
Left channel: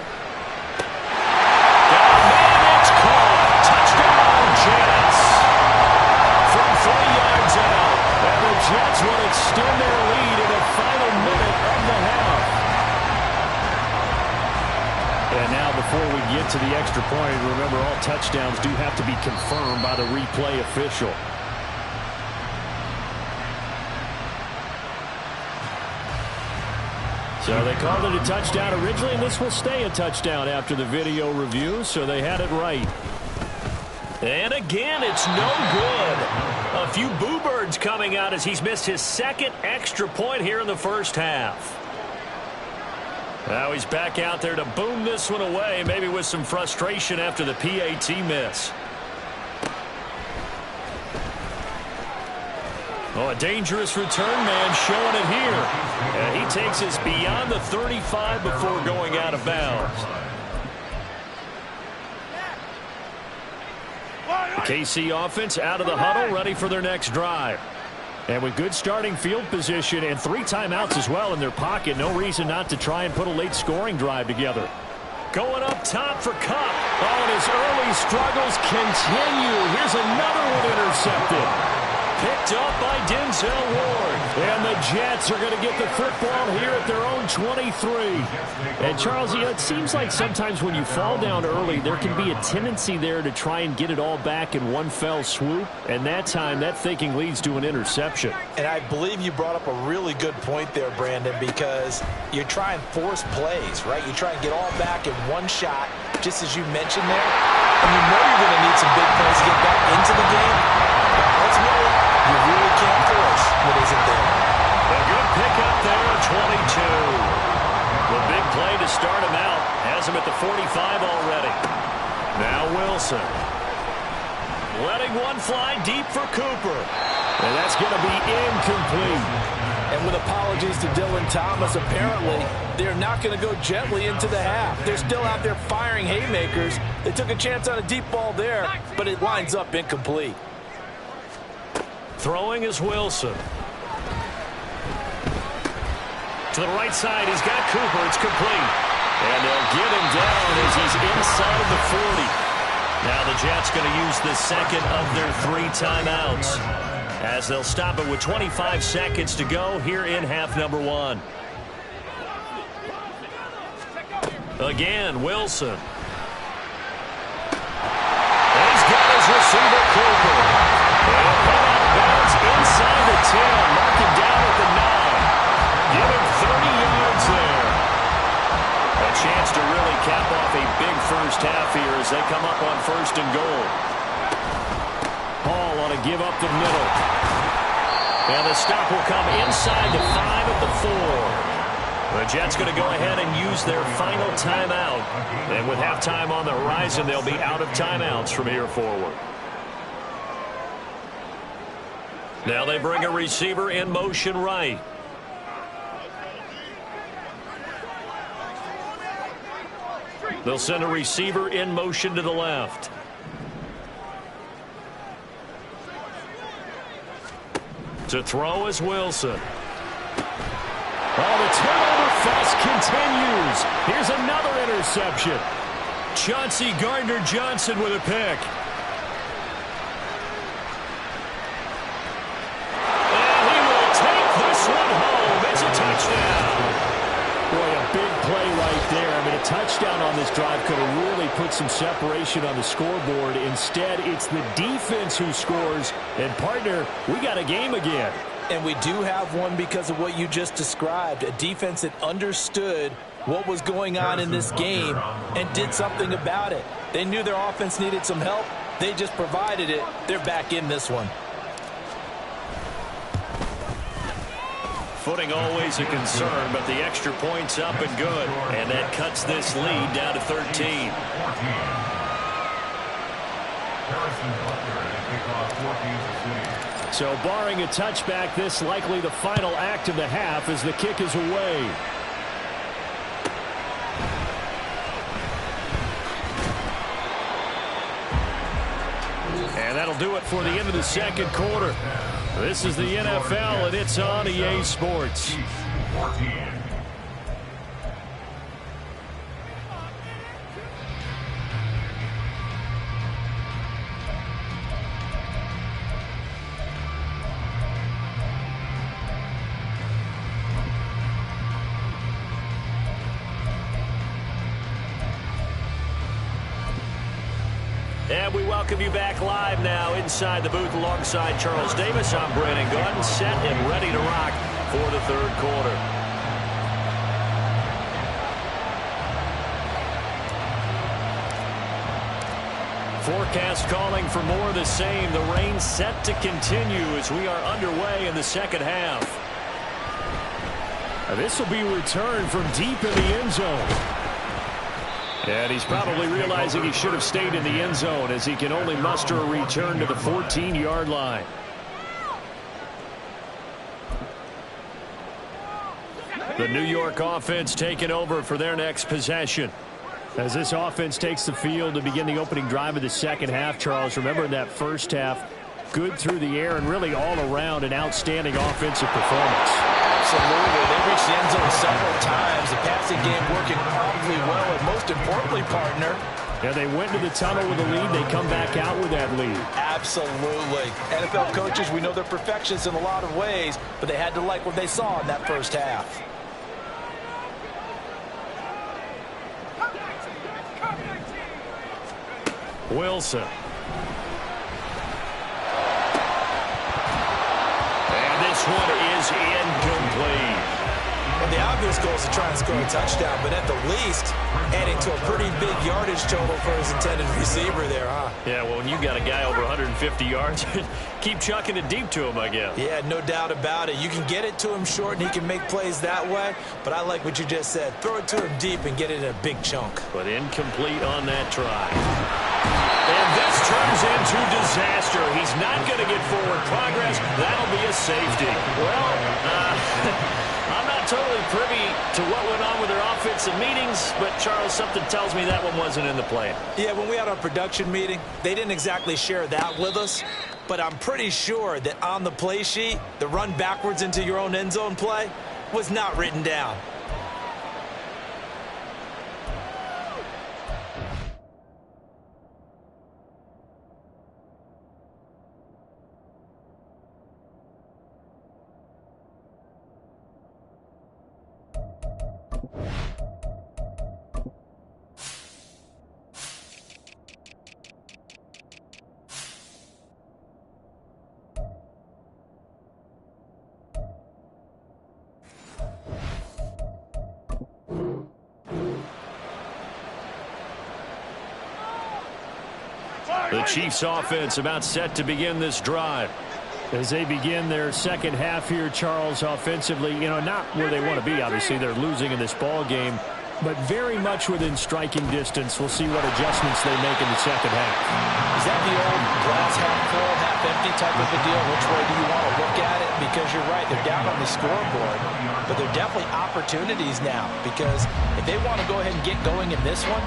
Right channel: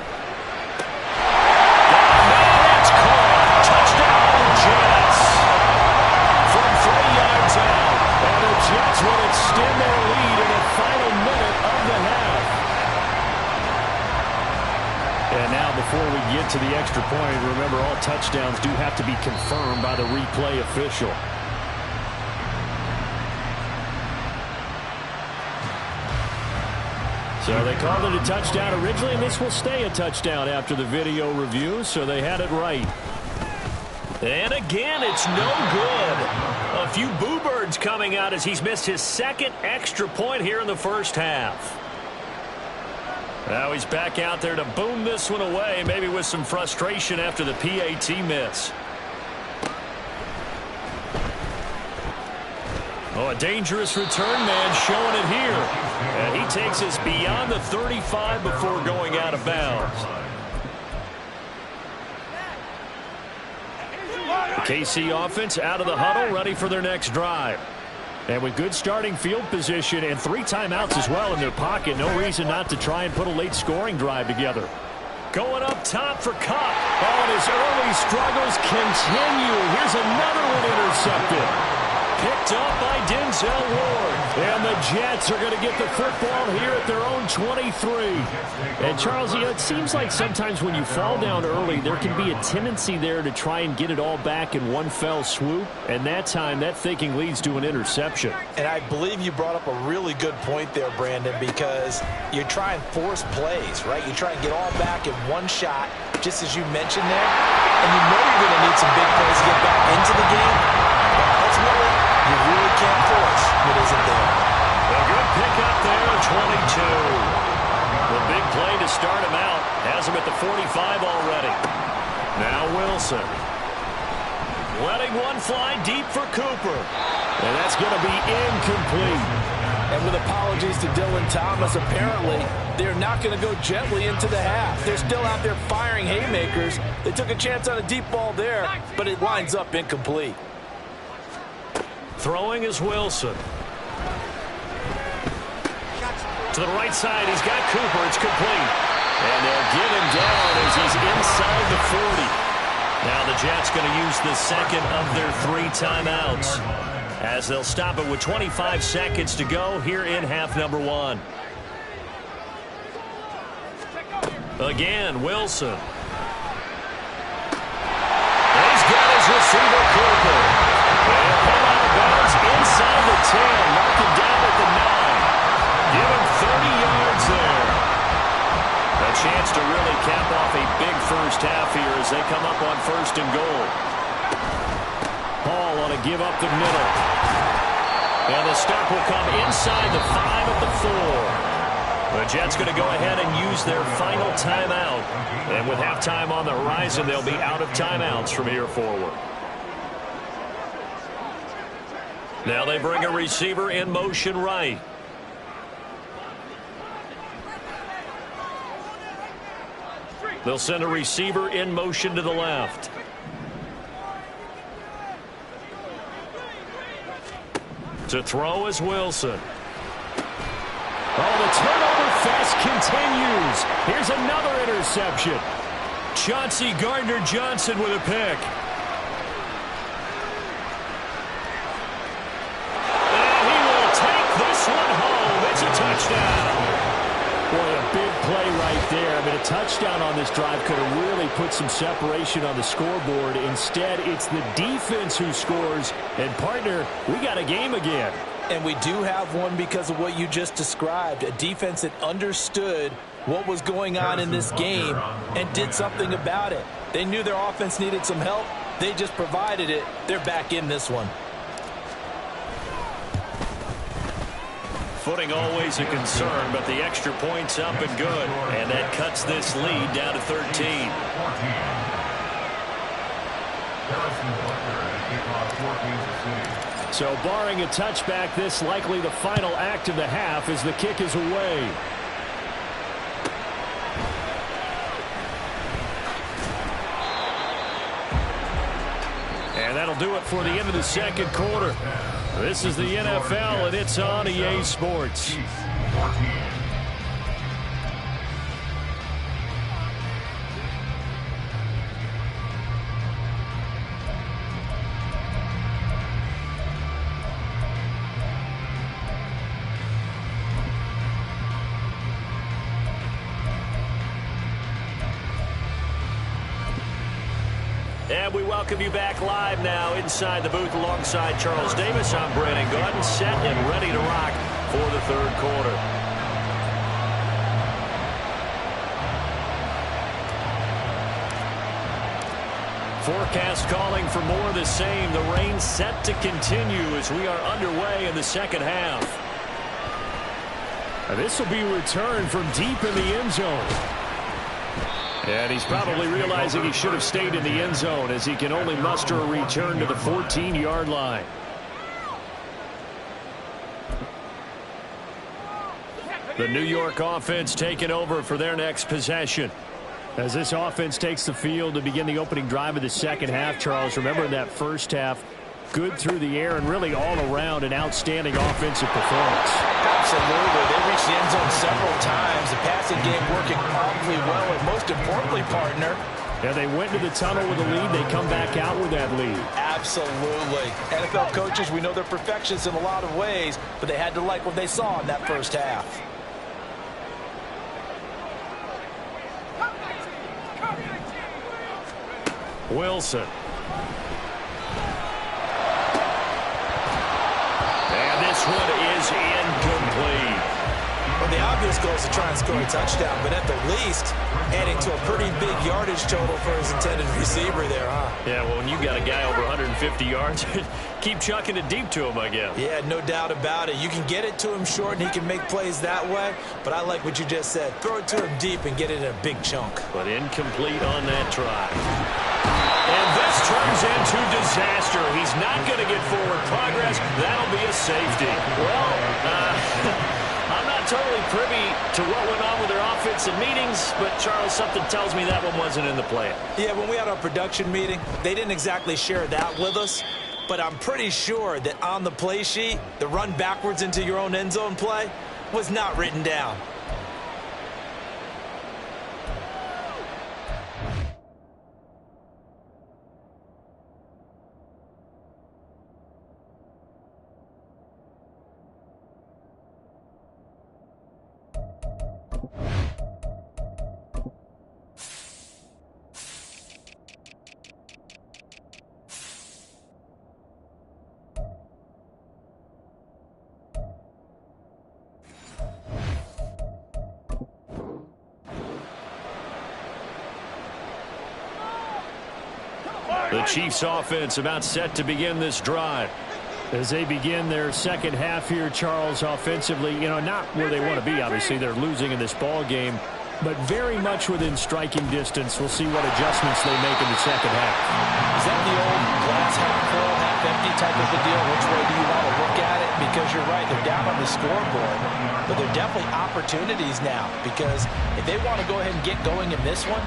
And it's caught. Touchdown, Jets. From 3 yards out. And the Jets will extend their lead in the final minute of the half. And now before we get to the extra point, remember all touchdowns do have to be confirmed by the replay official. So they called it a touchdown originally, and this will stay a touchdown after the video review, so they had it right. And again, it's no good. A few boo birds coming out as he's missed his 2nd extra point here in the first half. Now he's back out there to boom this one away, maybe with some frustration after the PAT miss. Oh, a dangerous return man showing it here. And he takes us beyond the 35 before going out of bounds. The KC offense out of the huddle, ready for their next drive. And with good starting field position and 3 timeouts as well in their pocket, no reason not to try and put a late scoring drive together. Going up top for Kupp. Oh, and his early struggles continue. Here's another one intercepted. Picked up by Denzel Ward. And the Jets are going to get the football here at their own 23. And Charles, you know, it seems like sometimes when you fall down early, there can be a tendency there to try and get it all back in one fell swoop. And that time, that thinking leads to an interception. And I believe you brought up a really good point there, Brandon, because you try and force plays, right? You try and get all back in one shot, just as you mentioned there. And you know you're going to need some big plays to get back into the game. But ultimately, you really can't force what isn't there. A good pick up there at 22. The big play to start him out. Has him at the 45 already. Now Wilson. Letting one fly deep for Cooper. And that's going to be incomplete. And with apologies to Dylan Thomas, apparently they're not going to go gently into the half. They're still out there firing haymakers. They took a chance on a deep ball there, but it winds up incomplete. Throwing is Wilson. To the right side, he's got Cooper. It's complete. And they'll get him down as he's inside the 40. Now the Jets going to use the second of their 3 timeouts, as they'll stop it with 25 seconds to go here in half number 1. Again, Wilson. And he's got his receiver, Cooper. And put out of bounds inside the 10. Mark him down at the 9. Give him 30 yards there. A chance to really cap off a big first half here as they come up on 1st and goal. Hall on a give up the middle. And the stop will come inside the 5 at the 4. The Jets going to go ahead and use their final timeout. And with halftime on the horizon, they'll be out of timeouts from here forward. Now they bring a receiver in motion right. They'll send a receiver in motion to the left. To throw is Wilson. Oh, the turnover fest continues. Here's another interception. Chauncey Gardner-Johnson with a pick. And he will take this one home. It's a touchdown. Boy, a big play right there. I mean, a touchdown on this drive could have really put some separation on the scoreboard. Instead, it's the defense who scores. And, partner, we got a game again. And we do have one because of what you just described. A defense that understood what was going on in this game and did something about it. They knew their offense needed some help. They just provided it. They're back in this one. Footing always a concern, but the extra point's up and good. And that cuts this lead down to 13. So barring a touchback, this likely the final act of the half as the kick is away. And that'll do it for the end of the second quarter. This is the NFL, and it's on EA Sports. And we welcome you back live now inside the booth alongside Charles Davis. I'm Brandon Gaudin, set and ready to rock for the third quarter. Forecast calling for more of the same. The rain set to continue as we are underway in the second half. This will be returned from deep in the end zone. And he's probably realizing he should have stayed in the end zone as he can only muster a return to the 14-yard line. The New York offense taking over for their next possession. As this offense takes the field to begin the opening drive of the second half, Charles, remember in that first half, good through the air and really all around an outstanding offensive performance. Absolutely. They reached the end zone several times. The passing game working awfully well, and most importantly, partner. Yeah, they went to the tunnel with a lead. They come back out with that lead. Absolutely. NFL coaches, we know they're perfectionists in a lot of ways, but they had to like what they saw in that first half. Wilson. And this one is incomplete. Well, the obvious goal is to try and score a touchdown, but at the least, adding to a pretty big yardage total for his intended receiver there, huh? Yeah, well, when you got a guy over 150 yards, keep chucking it deep to him, I guess. Yeah, no doubt about it. You can get it to him short, and he can make plays that way, but I like what you just said. Throw it to him deep and get it in a big chunk. But incomplete on that try. And this turns into disaster. He's not going to get forward progress. That'll be a safety. Well, I'm not totally privy to what went on with their offensive meetings, but, Charles, something tells me that one wasn't in the plan. Yeah, when we had our production meeting, they didn't exactly share that with us, but I'm pretty sure that on the play sheet, the run backwards into your own end zone play was not written down. The Chiefs offense about set to begin this drive. As they begin their second half here, Charles, offensively, not where they want to be, obviously. They're losing in this ball game, but very much within striking distance. We'll see what adjustments they make in the second half. Is that the old glass half full, half empty type of a deal? Which way do you want to look at it? Because you're right, they're down on the scoreboard, but they're definitely opportunities now, because if they want to go ahead and get going in this one,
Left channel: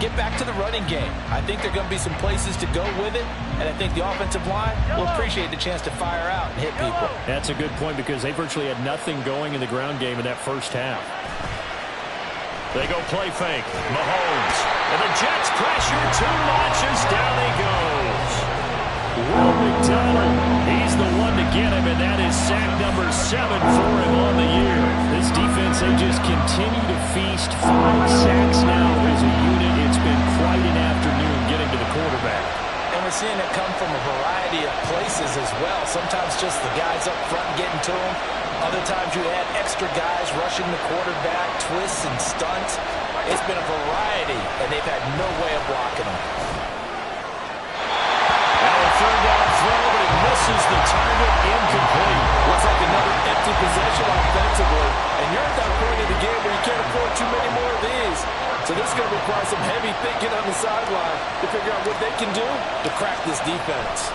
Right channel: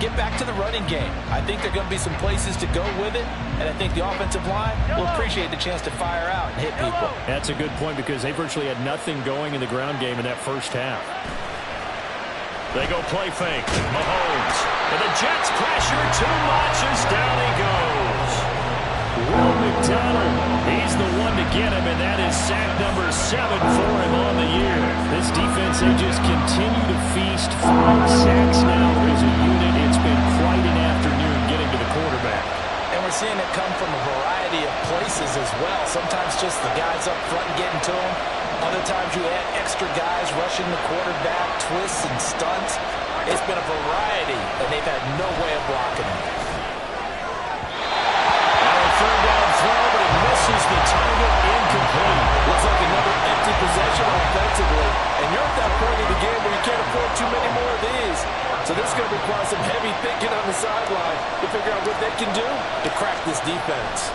get back to the running game. I think there are going to be some places to go with it, and I think the offensive line will appreciate the chance to fire out and hit people. That's a good point because they virtually had nothing going in the ground game in that first half. They go play fake. Mahomes. And the Jets pressure too much as down he goes. Will McDonald, he's the one to get him, and that is sack number 7 for him on the year. This defense, they just continue to feast. 5 sacks now as a unit. It's been quite an afternoon getting to the quarterback. And we're seeing it come from a variety of places as well. Sometimes just the guys up front getting to him. Other times you add extra guys rushing the quarterback, twists and stunts. It's been a variety, and they've had no way of blocking him. Third down throw, but it misses the target, incomplete. Looks like another empty possession offensively, and you're at that point in the game where you can't afford too many more of these. So this is going to require some heavy thinking on the sideline to figure out what they can do to crack this defense.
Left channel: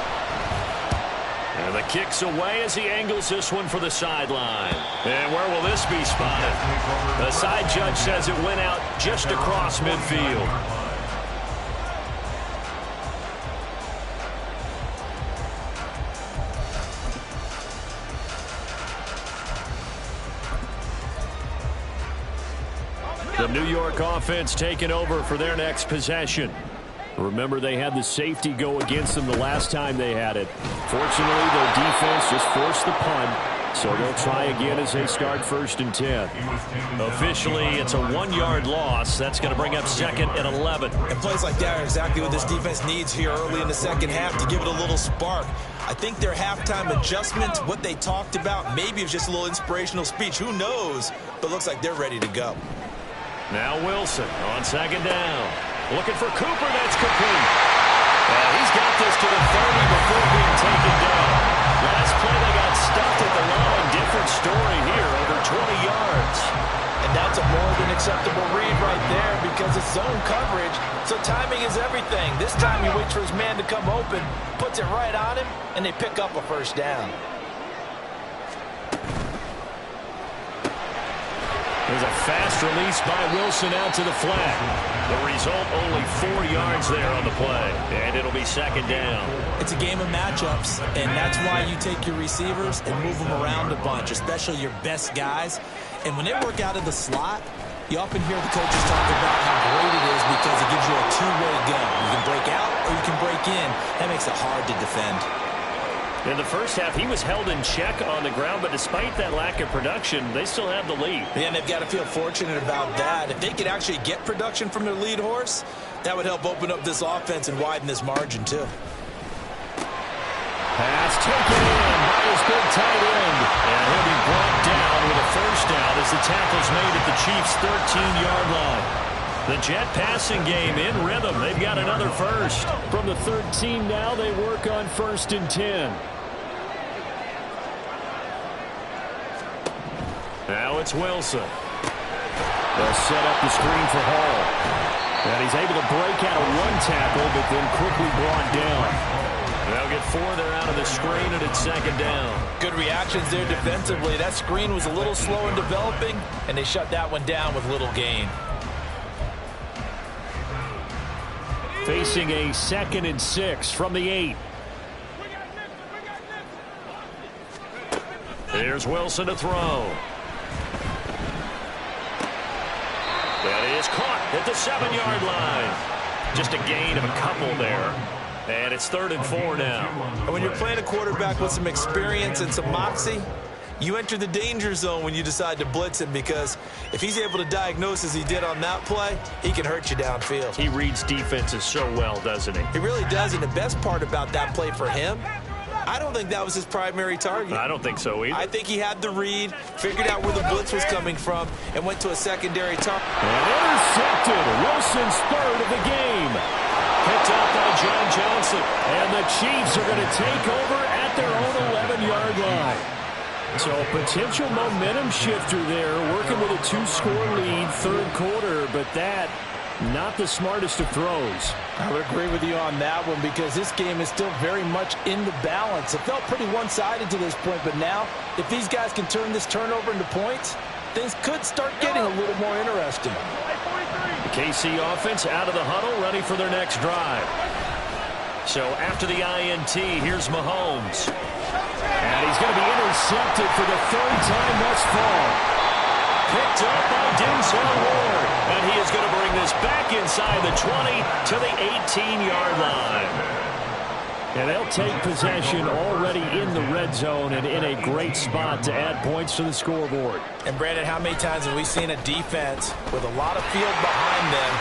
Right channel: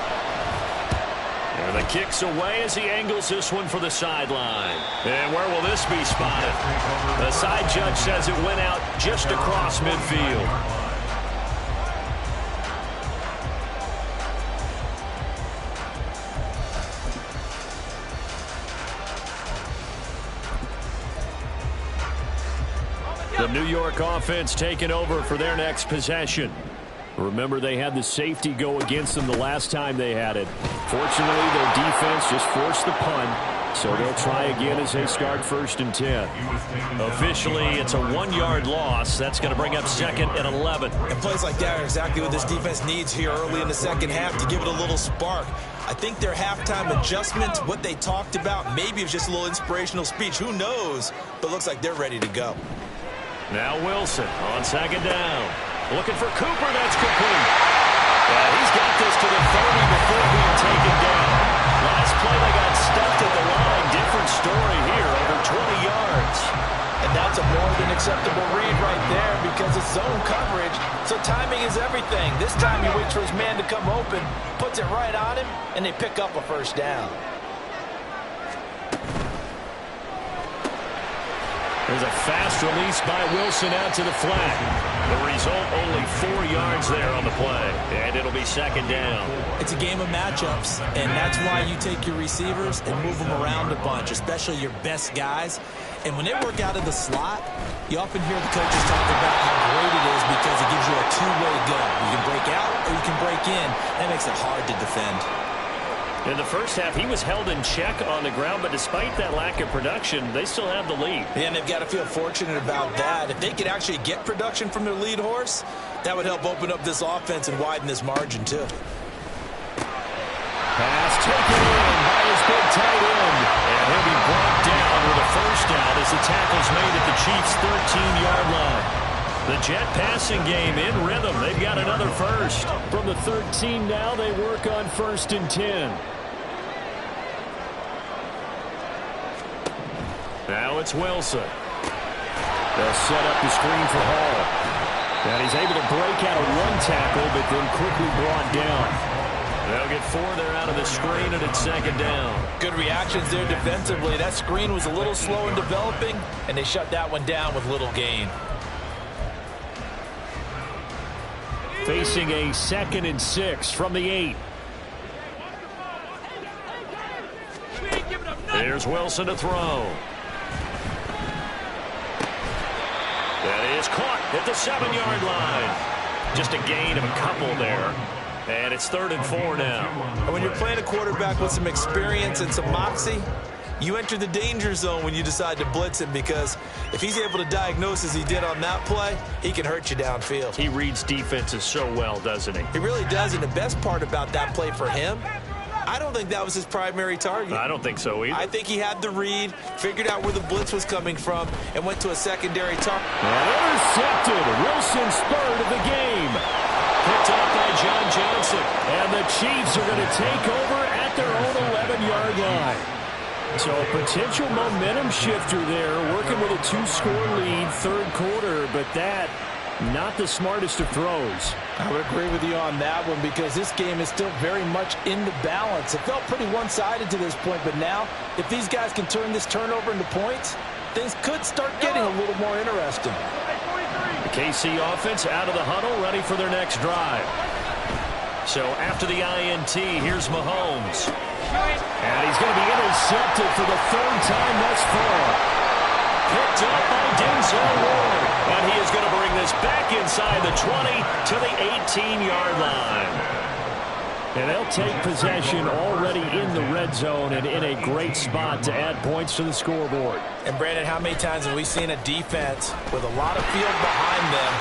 And the kick's away as he angles this one for the sideline. And where will this be spotted? The side judge says it went out just across midfield. The New York offense taking over for their next possession. Remember, they had the safety go against them the last time they had it. Fortunately, their defense just forced the punt, so they'll try again as they start 1st and 10. Officially, it's a 1-yard loss. That's going to bring up 2nd and 11. And plays like that are exactly what this defense needs here early in the second half to give it a little spark. I think their halftime adjustment, what they talked about, maybe it was just a little inspirational speech. Who knows? But it looks like they're ready to go. Now Wilson on 2nd down. Looking for Cooper. That's complete. He's got this to the 30 before being taken down. Last play they got stuffed at the line. Different story here, over 20 yards. And that's a more than acceptable read right there because it's zone coverage, so timing is everything. This time he waits for his man to come open, puts it right on him, and they pick up a 1st down. There's a fast release by Wilson out to the flat. The result, only 4 yards there on the play. And it'll be 2nd down. It's a game of matchups, and that's why you take your receivers and move them around a bunch, especially your best guys. And when they work out of the slot, you often hear the coaches talk about how great it is because it gives you a two-way go. You can break out or you can break in. That makes it hard to defend. In the first half, he was held in check on the ground, but despite that lack of production, they still have the lead. Yeah, and they've got to feel fortunate about that. If they could actually get production from their lead horse, that would help open up this offense and widen this margin, too. Pass taken in by his big tight end. And he'll be brought down with a first down as the tackle's made at the Chiefs' 13-yard line. The Jet passing game in rhythm. They've got another first. From the 13 now, they work on 1st and 10. Now it's Wilson. They'll set up the screen for Hall. And he's able to break out of one tackle, but then quickly brought down. They'll get 4 there out of the screen, and it's 2nd down. Good reactions there defensively. That screen was a little slow in developing, and they shut that one down with little gain. Facing a 2nd and 6 from the 8. Here's Wilson to throw. That is caught at the 7-yard line. Just a gain of a couple there. And it's 3rd and 4 now. And when you're playing a quarterback with some experience and some moxie, you enter the danger zone when you decide to blitz him, because if he's able to diagnose as he did on that play, he can hurt you downfield. He reads defenses so well, doesn't he? He really does, and the best part about that play for him, I don't think that was his primary target. I don't think so either. I think he had the read, figured out where the blitz was coming from, and went to a secondary target. And intercepted. Wilson's 3rd of the game. Picked off by John Johnson. And the Chiefs are going to take over at their own 11-yard line. So a potential momentum shifter there, working with a 2-score lead, 3rd quarter, but that not the smartest of throws. I would agree with you on that one, because this game is still very much in the balance. It felt pretty one-sided to this point, but now if these guys can turn this turnover into points, things could start getting a little more interesting. The KC offense out of the huddle, ready for their next drive. So after the INT, here's Mahomes. And he's going to be intercepted for the 3rd time thus far. Picked up by Denzel Ward. And he is going to bring this back inside the 20 to the 18-yard line. And they'll take possession already in the red zone and in a great spot to add points to the scoreboard. And Brandon, how many times have we seen a defense with a lot of field behind them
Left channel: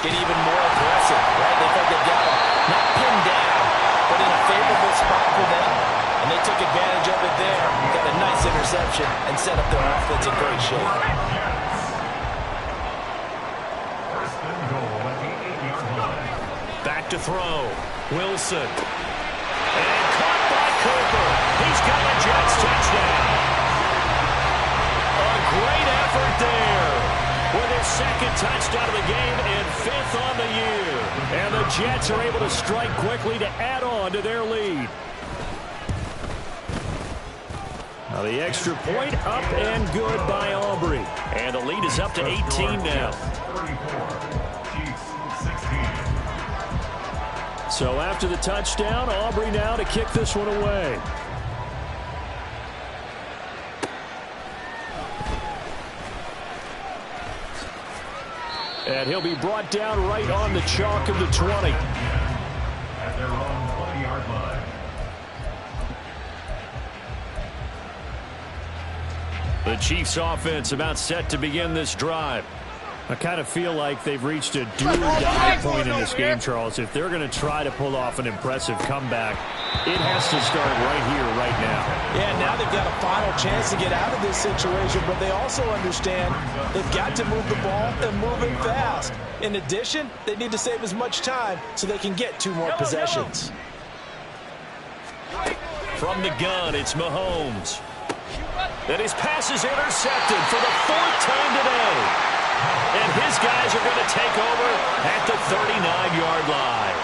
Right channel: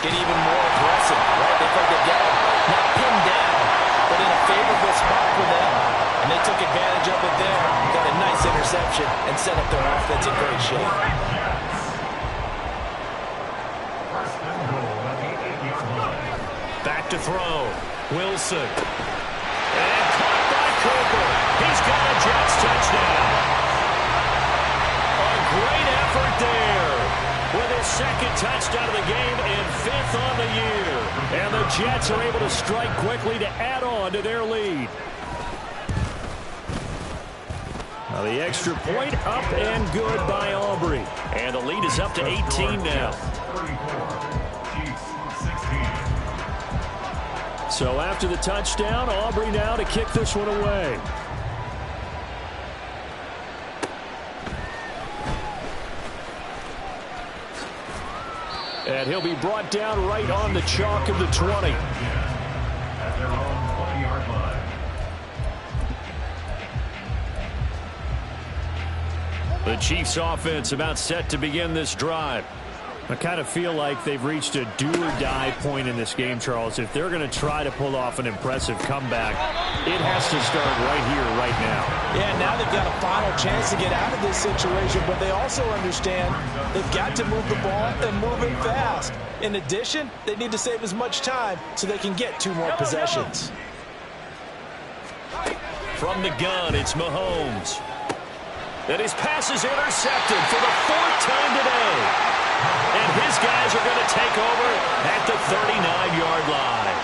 get even more aggressive, right? They think they've got them not pinned down, but in a favorable spot for them. And they took advantage of it there. Got a nice interception and set up their offense in great shape. 1st and goal at the 8-yard line. Back to throw. Wilson. And caught by Cooper. He's got a Jets touchdown. A great effort there with his 2nd touchdown of the game and 5th on the year. And the Jets are able to strike quickly to add on to their lead. Now the extra point up and good by Aubrey. And the lead is up to 18 now. 34, Chiefs 16. So after the touchdown, Aubrey now to kick this one away. And he'll be brought down right on the chalk of the 20. At their own 20-yard line. The Chiefs offense about set to begin this drive. I kind of feel like they've reached a do-or-die point in this game, Charles. If they're going to try to pull off an impressive comeback, it has to start right here, right now. Yeah, now they've got a final chance to get out of this situation, but they also understand they've got to move the ball and move it fast. In addition, they need to save as much time so they can get 2 more possessions. From the gun, it's Mahomes. And his pass is intercepted for the 4th time today. And his guys are going to take over at the 39-yard line.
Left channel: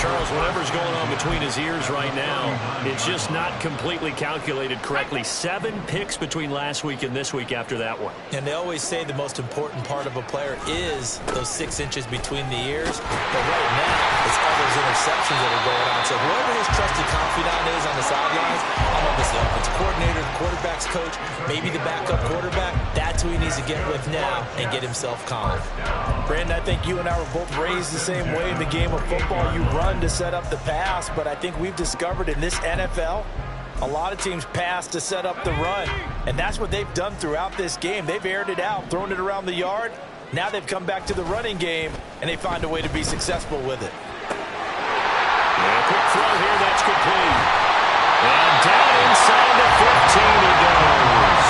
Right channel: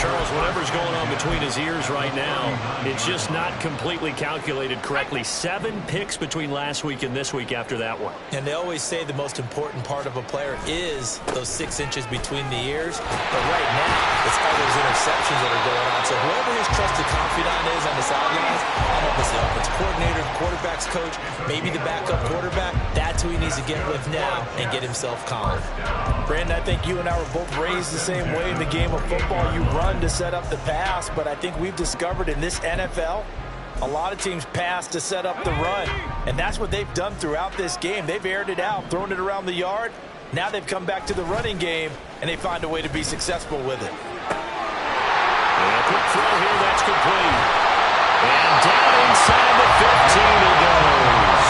Charles, whatever's going on between his ears right now, it's just not completely calculated correctly. 7 picks between last week and this week after that one. And they always say the most important part of a player is those 6 inches between the ears. But right now, it's all those interceptions that are going on. So whoever his trusted confidant is on the sidelines, I don't know if it's the offensive coordinator, the quarterback's coach, maybe the backup quarterback, that's who he needs to get with now and get himself calm. Brandon, I think you and I were both raised the same way in the game of football. You run to set up the pass, but I think we've discovered in this NFL, a lot of teams pass to set up the run, and that's what they've done throughout this game. They've aired it out, thrown it around the yard. Now they've come back to the running game, and they find a way to be successful with it. And a quick throw here, that's complete. And down inside the 15 he goes.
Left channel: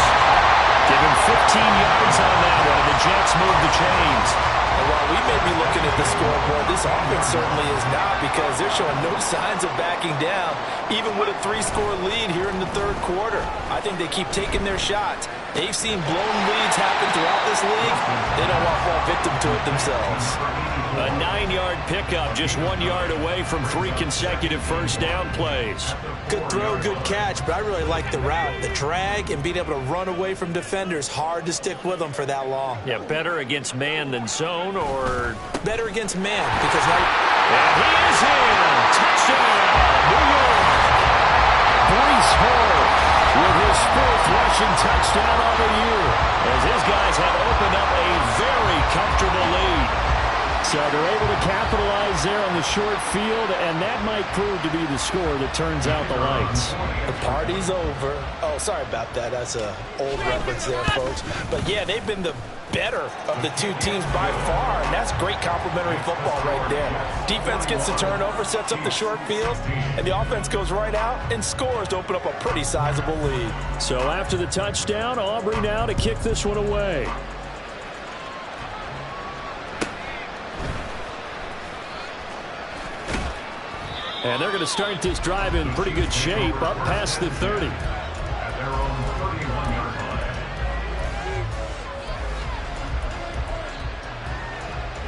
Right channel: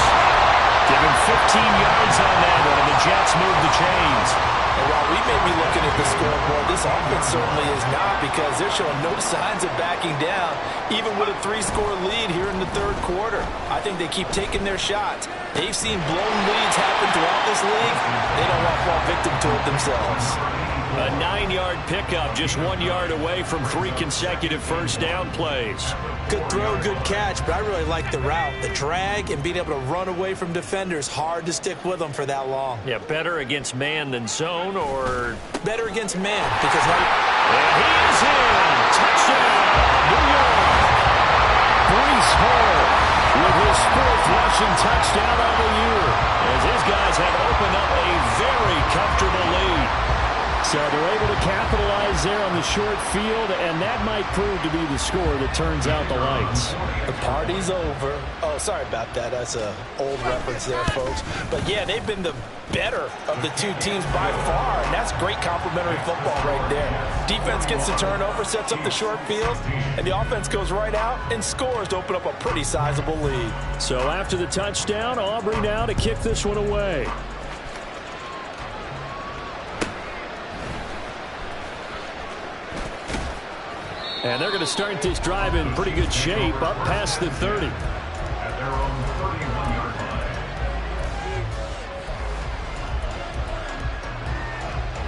Give him 15 yards on that one, and the Jets move the chains. And while we may be looking at the scoreboard, this offense certainly is not, because they're showing no signs of backing down, even with a 3-score lead here in the third quarter. I think they keep taking their shots. They've seen blown leads happen throughout this league. They don't want to fall victim to it themselves. A 9-yard pickup, just 1 yard away from 3 consecutive first down plays. Good throw, good catch, but I really like the route. The drag and being able to run away from defenders, hard to stick with them for that long. Yeah, better against man than zone, or... Better against man, because now... And he is in! Touchdown, New York! Breece Hall with his 4th rushing touchdown on the year, as his guys have opened up a very comfortable lead. So they're able to capitalize there on the short field, and that might prove to be the score that turns out the lights. The party's over. Oh, sorry about that. That's an old reference there, folks. But, yeah, they've been the better of the two teams by far, and that's great complementary football right there. Defense gets the turnover, sets up the short field, and the offense goes right out and scores to open up a pretty sizable lead. So after the touchdown, Aubrey now to kick this one away. And they're going to start this drive in pretty good shape, up past the 30. At their own 31-yard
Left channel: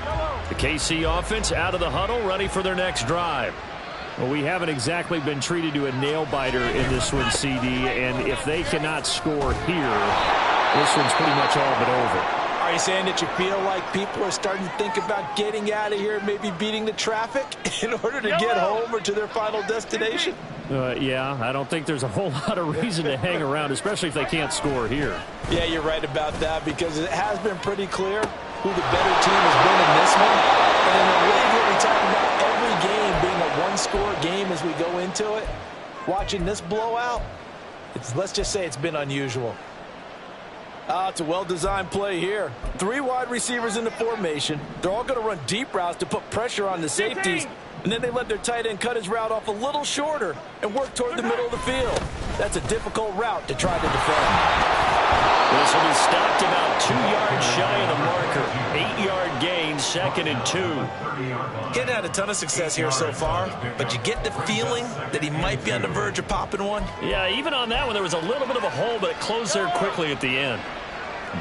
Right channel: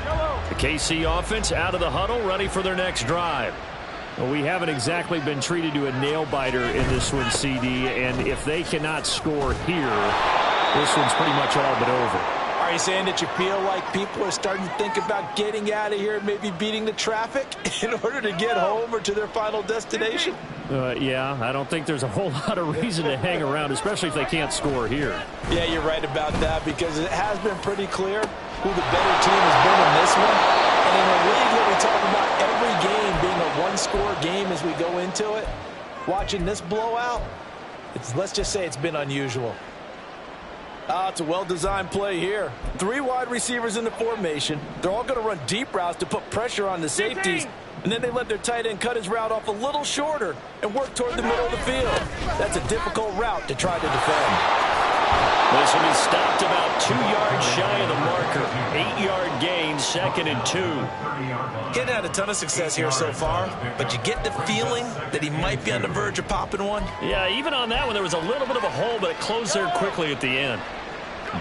line. The KC offense out of the huddle, ready for their next drive. Well, we haven't exactly been treated to a nail-biter in this one, CD, and if they cannot score here, this one's pretty much all but over. Are you saying that you feel like people are starting to think about getting out of here, maybe beating the traffic in order to get home or to their final destination? Yeah, I don't think there's a whole lot of reason to hang around, especially if they can't score here. Yeah, you're right about that, because it has been pretty clear who the better team has been in this one. And in a league where we talk about every game being a one-score game as we go into it, watching this blowout, let's just say it's been unusual. It's a well-designed play here. 3 wide receivers in the formation. They're all going to run deep routes to put pressure on the safeties. And then they let their tight end cut his route off a little shorter and work toward the middle of the field. That's a difficult route to try to defend. This will be stopped about 2 yards shy of the marker. 8-yard gain, 2nd and 2. He hasn't had a ton of success here so far, but you get the feeling that he might be on the verge of popping one. Yeah, even on that one, there was a little bit of a hole, but it closed there quickly at the end.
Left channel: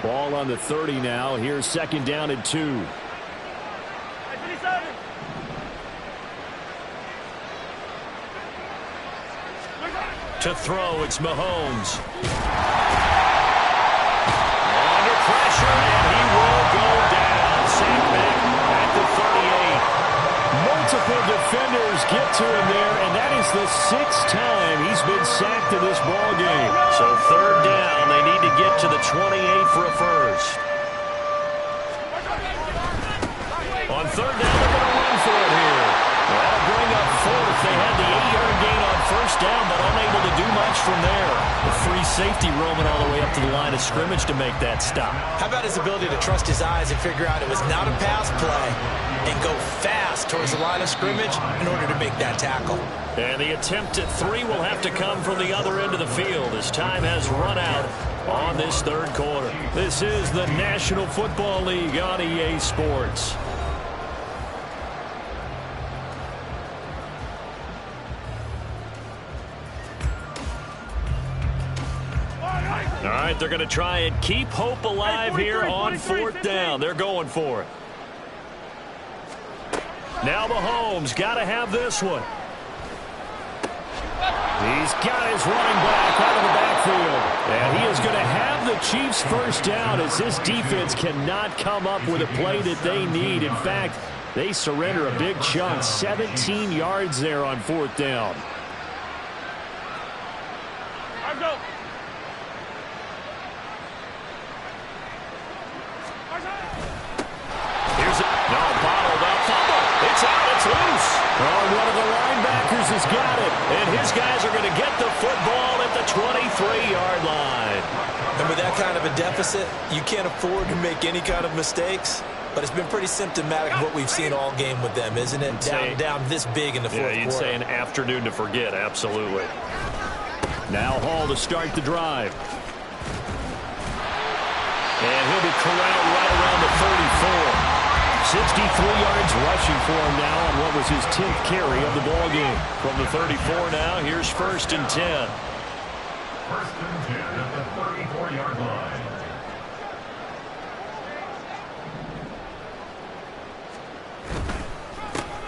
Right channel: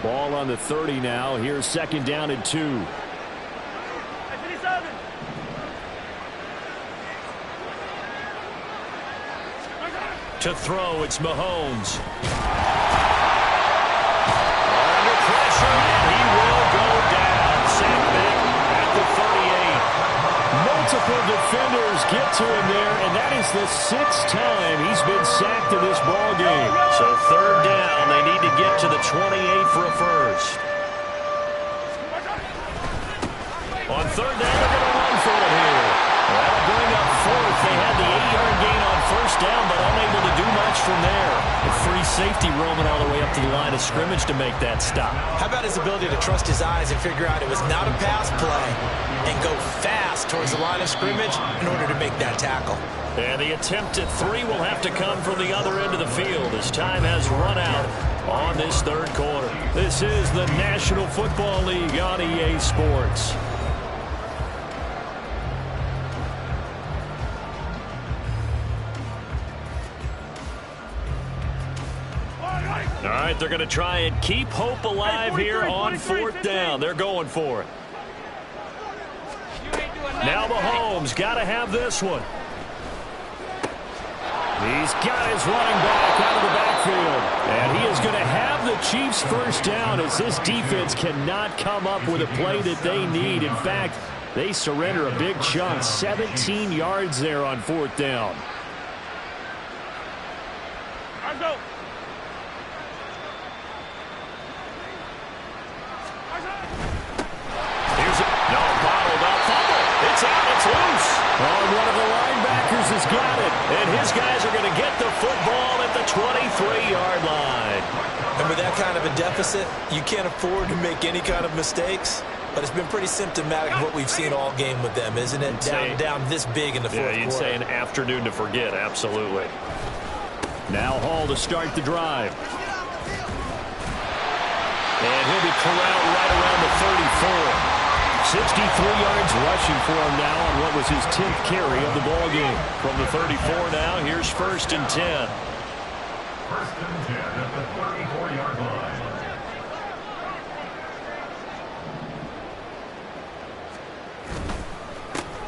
Ball on the 30 now. Here's 2nd down and 2. To throw, it's Mahomes. Under pressure, and he will go down. Sacked back at the 38. Multiple defenders get to him there, and that is the 6th time he's been sacked in this ball game. So 3rd down, they need to get to the 28 for a first. On 3rd down, they're going to run for it here. That'll bring up 4th. They had the 8-yard gain on 1st down, but unable to do much from there. A free safety roaming all the way up to the line of scrimmage to make that stop. How about his ability to trust his eyes and figure out it was not a pass play and go fast towards the line of scrimmage in order to make that tackle? And the attempt at 3 will have to come from the other end of the field as time has run out on this 3rd quarter. This is the National Football League on EA Sports. All right, they're going to try and keep hope alive here on 4th down. They're going for it. Now Mahomes got to have this one. He's got his running back out of the backfield. And he is going to have the Chiefs' 1st down as this defense cannot come up with a play that they need. In fact, they surrender a big chunk. 17 yards there on 4th down. Let's go. Here's it. No, bottled up. Fumble. It's out. It's loose. Oh, and one of the linebackers has got it. And his guys are going to get the football at the 23-yard line. And with that kind of a deficit, you can't afford to make any kind of mistakes. But it's been pretty symptomatic of what we've seen all game with them, isn't it? Down this big in the fourth quarter. Yeah, you'd say an afternoon to forget. Absolutely. Now Hall to start the drive. And he'll be corralled right around the 34. 63 yards rushing for him now on what was his 10th carry of the ball game. From the 34 now, here's 1st and 10. 1st and 10 at the 34-yard line.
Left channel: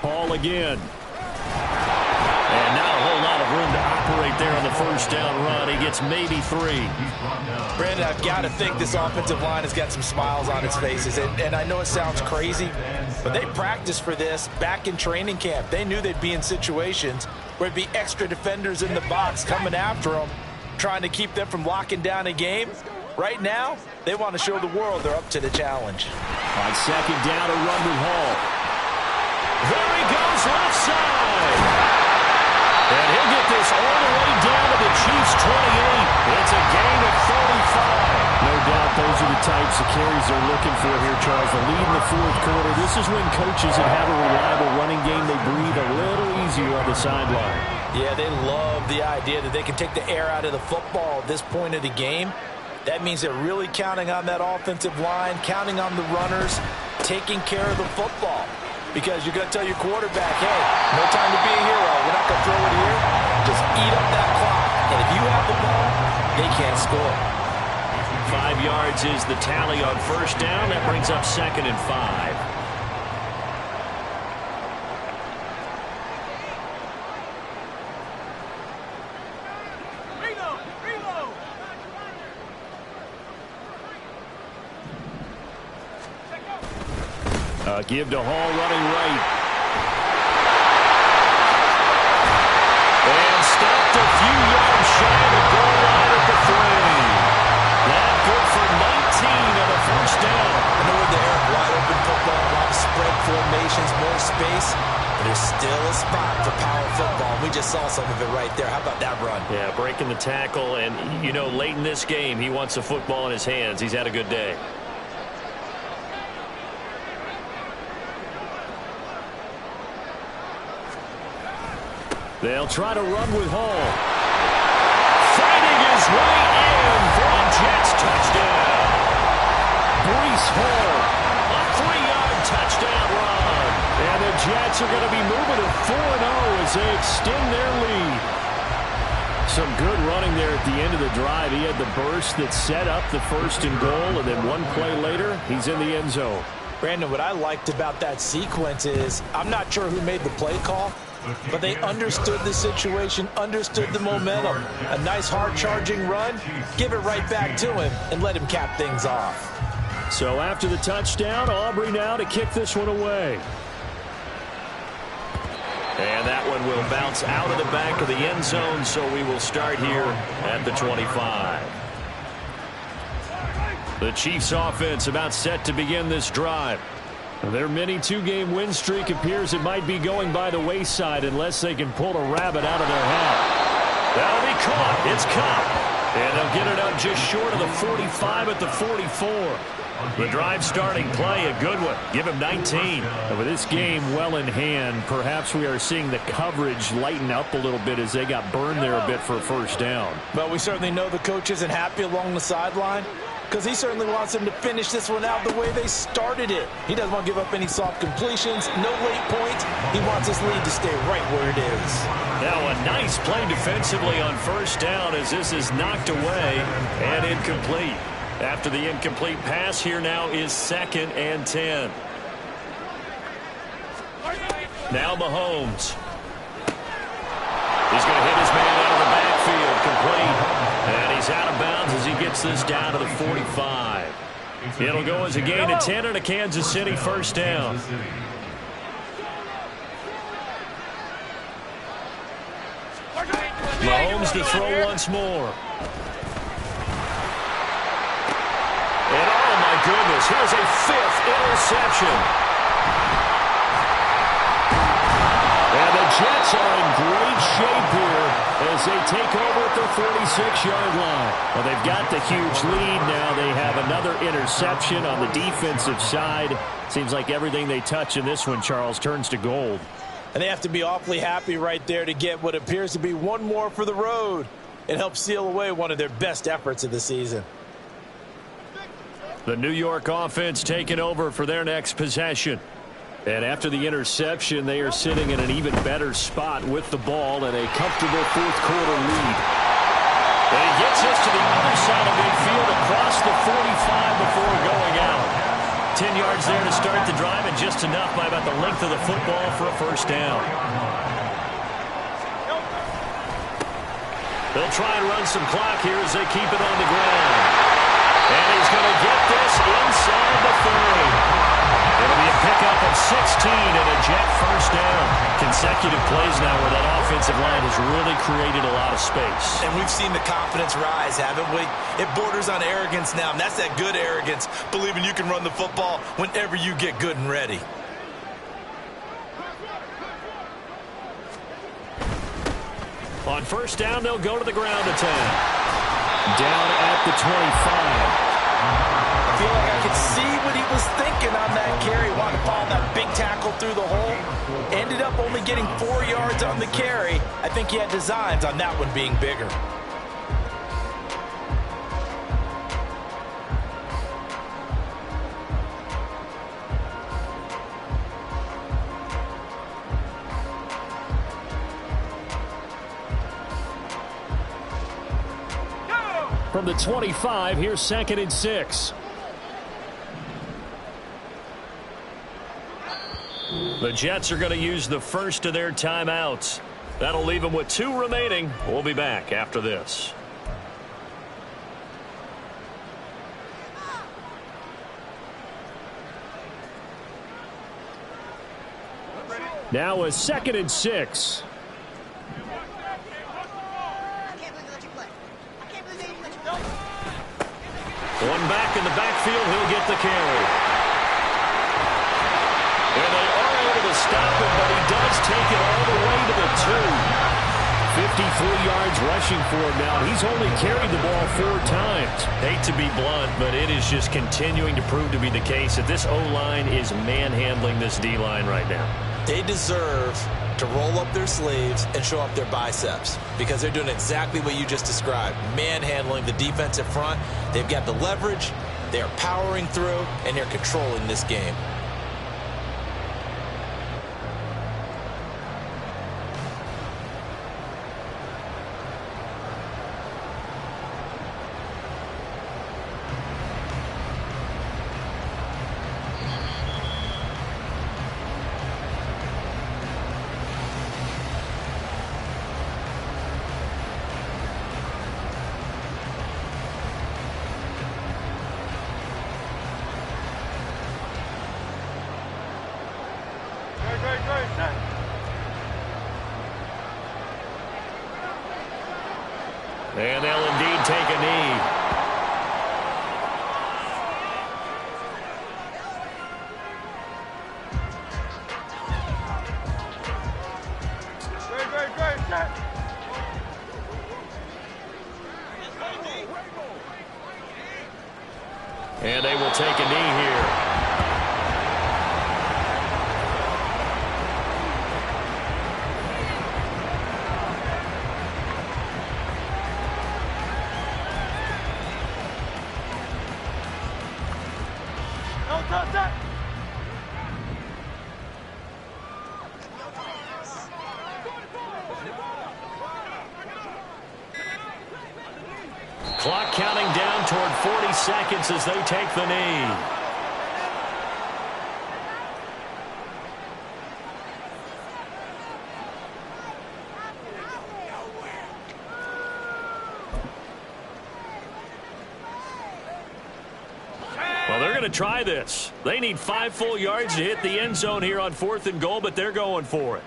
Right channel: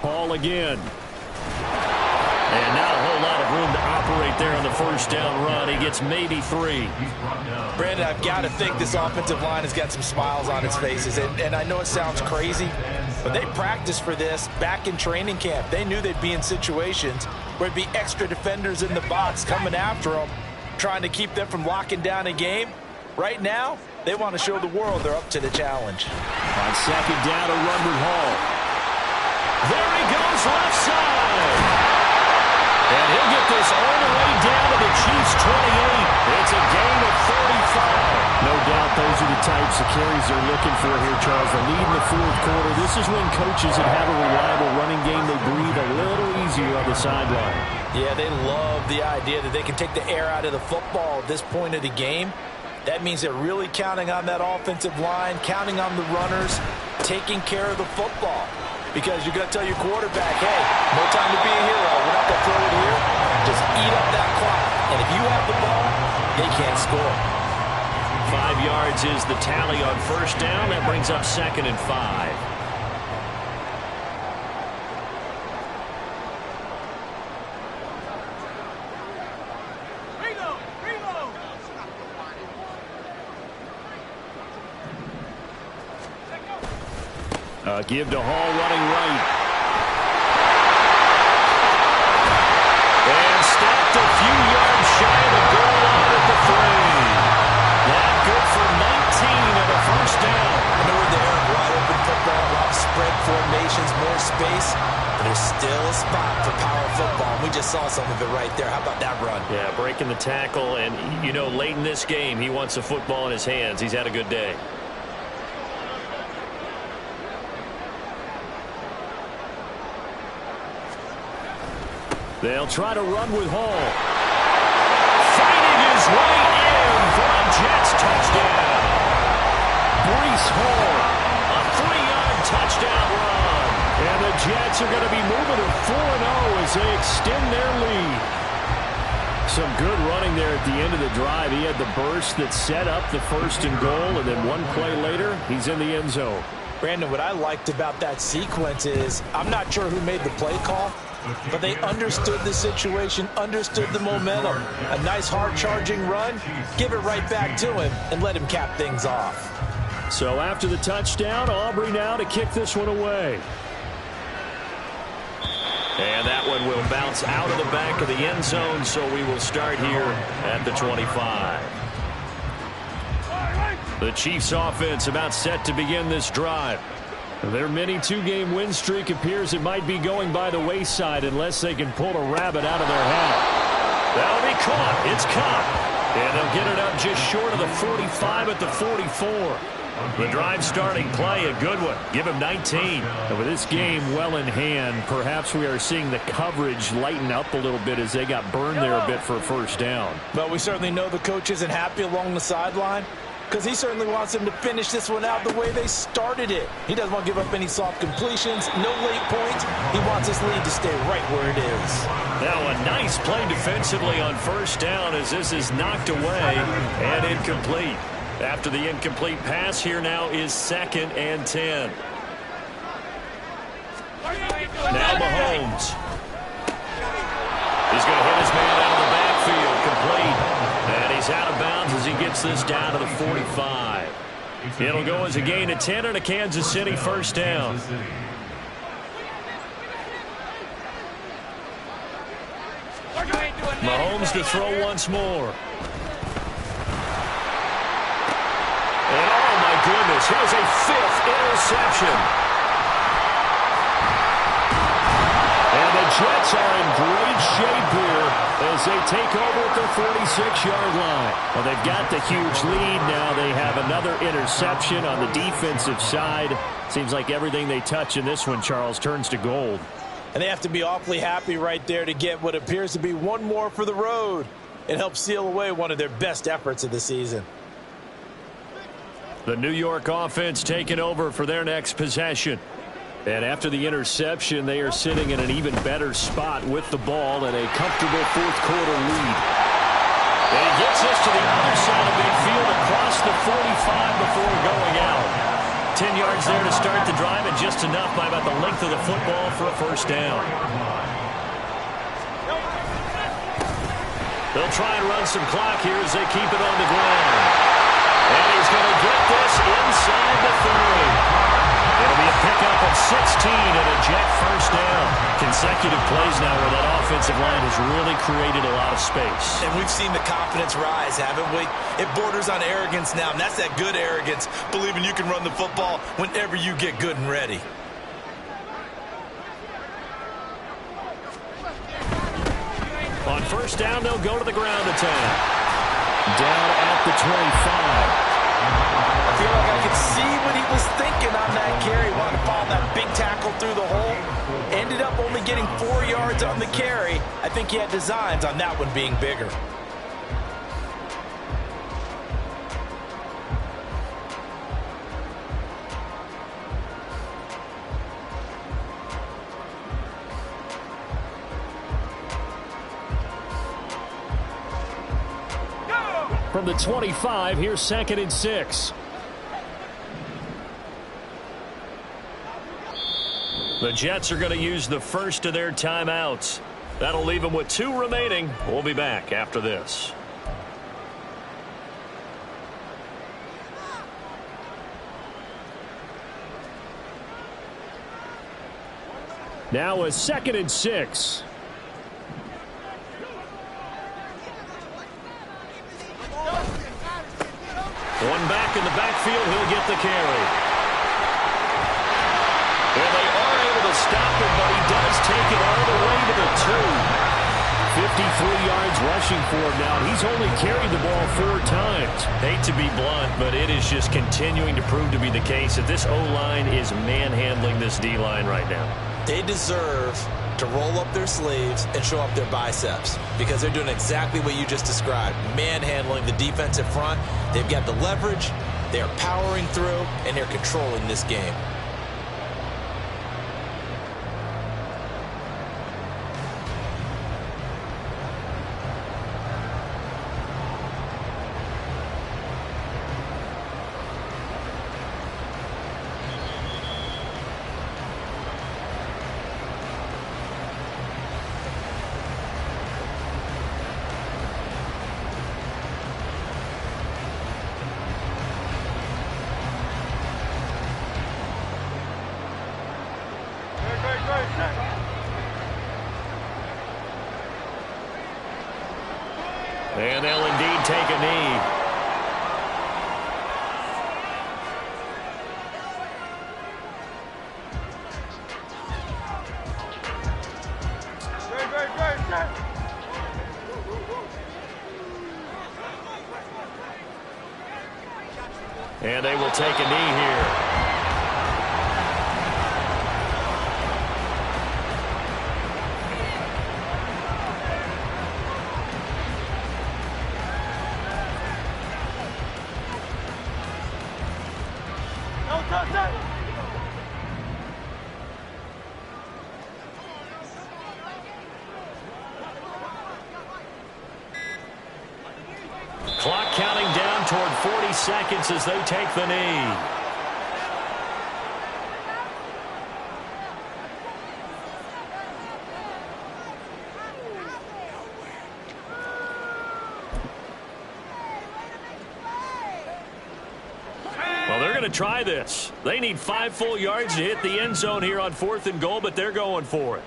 Hall again. And not a whole lot of room to operate there on the 1st down run. He gets maybe 3. Brandon, I've got to think this offensive line has got some smiles on its faces. And I know it sounds crazy, but they practiced for this back in training camp. They knew they'd be in situations where it'd be extra defenders in the box coming after them, trying to keep them from locking down a game. Right now, they want to show the world they're up to the challenge. On 2nd down, a run with Hall. There he goes, left side. And he'll get this all the way down to the Chiefs' 28. It's a gain of 35. No doubt those are the types of carries they're looking for here, Charles. The lead in the 4th quarter. This is when coaches that have a reliable running game, they breathe a little easier on the sideline. Yeah, they love the idea that they can take the air out of the football at this point of the game. That means they're really counting on that offensive line, counting on the runners, taking care of the football. Because you're going to tell your quarterback, hey, no time to be a hero. We're not going to throw it here. Just eat up that clock. And if you have the ball, they can't score. 5 yards is the tally on 1st down. That brings up 2nd and 5. Give to Hall running right. And stopped a few yards shy of the goal line at the 3. That good for 19 and a 1st down. I know we're there, wide open football, a lot of spread formations, more space. But there's still a spot for power football. We just saw some of it right there. How about that run? Yeah, breaking the tackle. And, you know, late in this game, he wants the football in his hands. He's had a good day. They'll try to run with Hall. Fighting his way in for a Jets touchdown. Breece Hall, a 3-yard touchdown run. And the Jets are going to be moving to 4-0 as they extend their lead. Some good running there at the end of the drive. He had the burst that set up the 1st and goal, and then one play later, he's in the end zone. Brandon, what I liked about that sequence is I'm not sure who made the play call, but they understood the situation, understood the momentum. A nice hard-charging run, give it right back to him, and let him cap things off. So after the touchdown, Aubrey now to kick this one away. And that one will bounce out of the back of the end zone, so we will start here at the 25. The Chiefs offense about set to begin this drive. Their mini 2-game win streak appears it might be going by the wayside unless they can pull a rabbit out of their hat. That'll be caught. It's caught. And they'll get it up just short of the 45 at the 44. The drive starting play, a good one. Give him 19. And with this game well in hand, perhaps we are seeing the coverage lighten up a little bit as they got burned there a bit for a 1st down. But we certainly know the coach isn't happy along the sideline, because he certainly wants them to finish this one out the way they started it. He doesn't want to give up any soft completions, no late points. He wants this lead to stay right where it is. Now a nice play defensively on 1st down as this is knocked away and incomplete. After the incomplete pass, here now is 2nd and 10. Now Mahomes. He's going to hit his man out of the backfield, complete. And he's out of bounds as he gets this down to the 45. It'll go as a gain of 10 and a Kansas City 1st down. Mahomes to throw once more. And oh my goodness, here's a 5th interception. And the Jets are in great shape here as they take over at their 46-yard line. Well, they've got the huge lead now. They have another interception on the defensive side. Seems like everything they touch in this one, Charles, turns to gold. And they have to be awfully happy right there to get what appears to be one more for the road. and help seal away one of their best efforts of the season. The New York offense taking over for their next possession. And after the interception, they are sitting in an even better spot with the ball and a comfortable fourth-quarter lead. And he gets this to the other side of midfield across the 45 before going out. 10 yards there to start the drive, and just enough by about the length of the football for a first down. They'll try and run some clock here as they keep it on the ground. And he's going to get this inside the 30. It'll be a pickup of 16 and a Jet first down. Consecutive plays now where that offensive line has really created a lot of space. And we've seen the confidence rise, haven't we? It borders on arrogance now, and that's that good arrogance, believing you can run the football whenever you get good and ready. On first down, they'll go to the ground attack. Down at the 25. I feel like I could see what he was thinking on that carry. Wanted to follow that big tackle through the hole. Ended up only getting 4 yards on the carry. I think he had designs on that one being bigger. From the 25, here's 2nd and 6. The Jets are going to use the first of their timeouts. That'll leave them with 2 remaining. We'll be back after this. Now a 2nd and 6. One back in the backfield, he'll get the carry. And they are able to stop him, but he does take it all the way to the 2. 53 yards rushing for him now. He's only carried the ball 4 times. Hate to be blunt, but it is just continuing to prove to be the case that this O-line is manhandling this D-line right now. They deserve to roll up their sleeves and show up their biceps because they're doing exactly what you just described, manhandling the defensive front. They've got the leverage, they're powering through, and they're controlling this game. And they'll indeed take a knee. And they will take a knee here. Clock counting down toward 40 seconds as they take the knee. Well, they're going to try this. They need 5 full yards to hit the end zone here on 4th and goal, but they're going for it.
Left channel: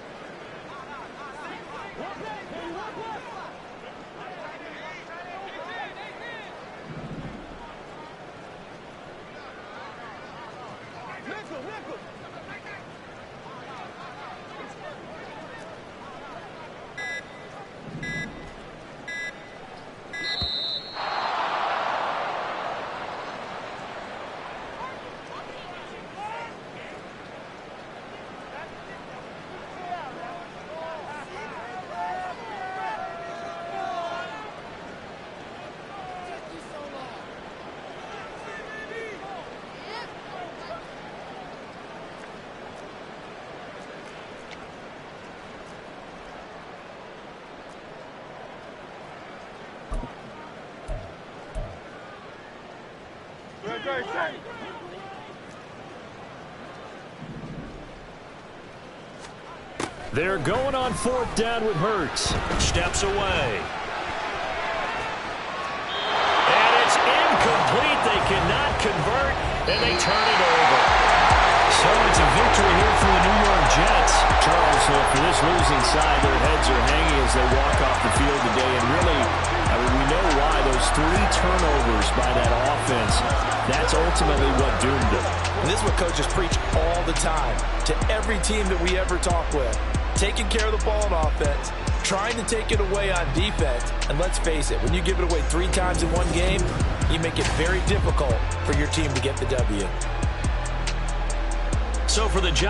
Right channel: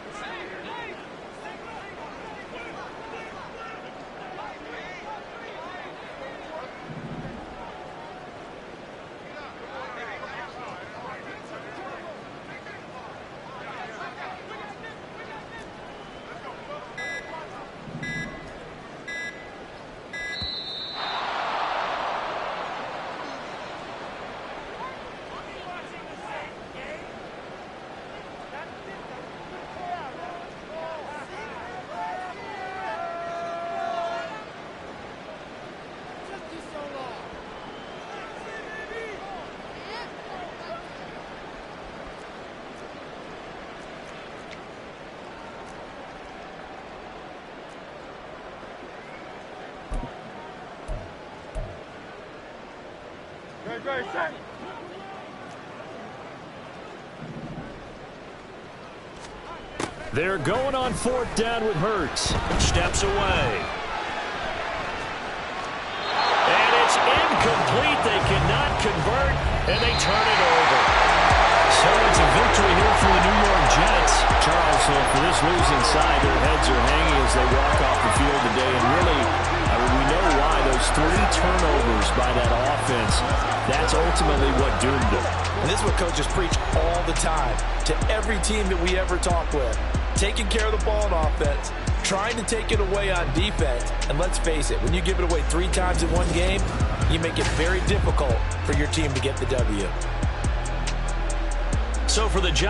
They're going on 4th down with Hurts. Steps away. And it's incomplete. They cannot convert, and they turn it over. So it's a victory here for the New York Jets. Charles, for this losing side, their heads are hanging as they walk off the field today. And really, we know why. Those 3 turnovers by that offense, that's ultimately what doomed them. And this is what coaches preach all the time to every team that we ever talk with. Taking care of the ball on offense, trying to take it away on defense. And let's face it, when you give it away 3 times in one game, you make it very difficult for your team to get the W. So for the Giants,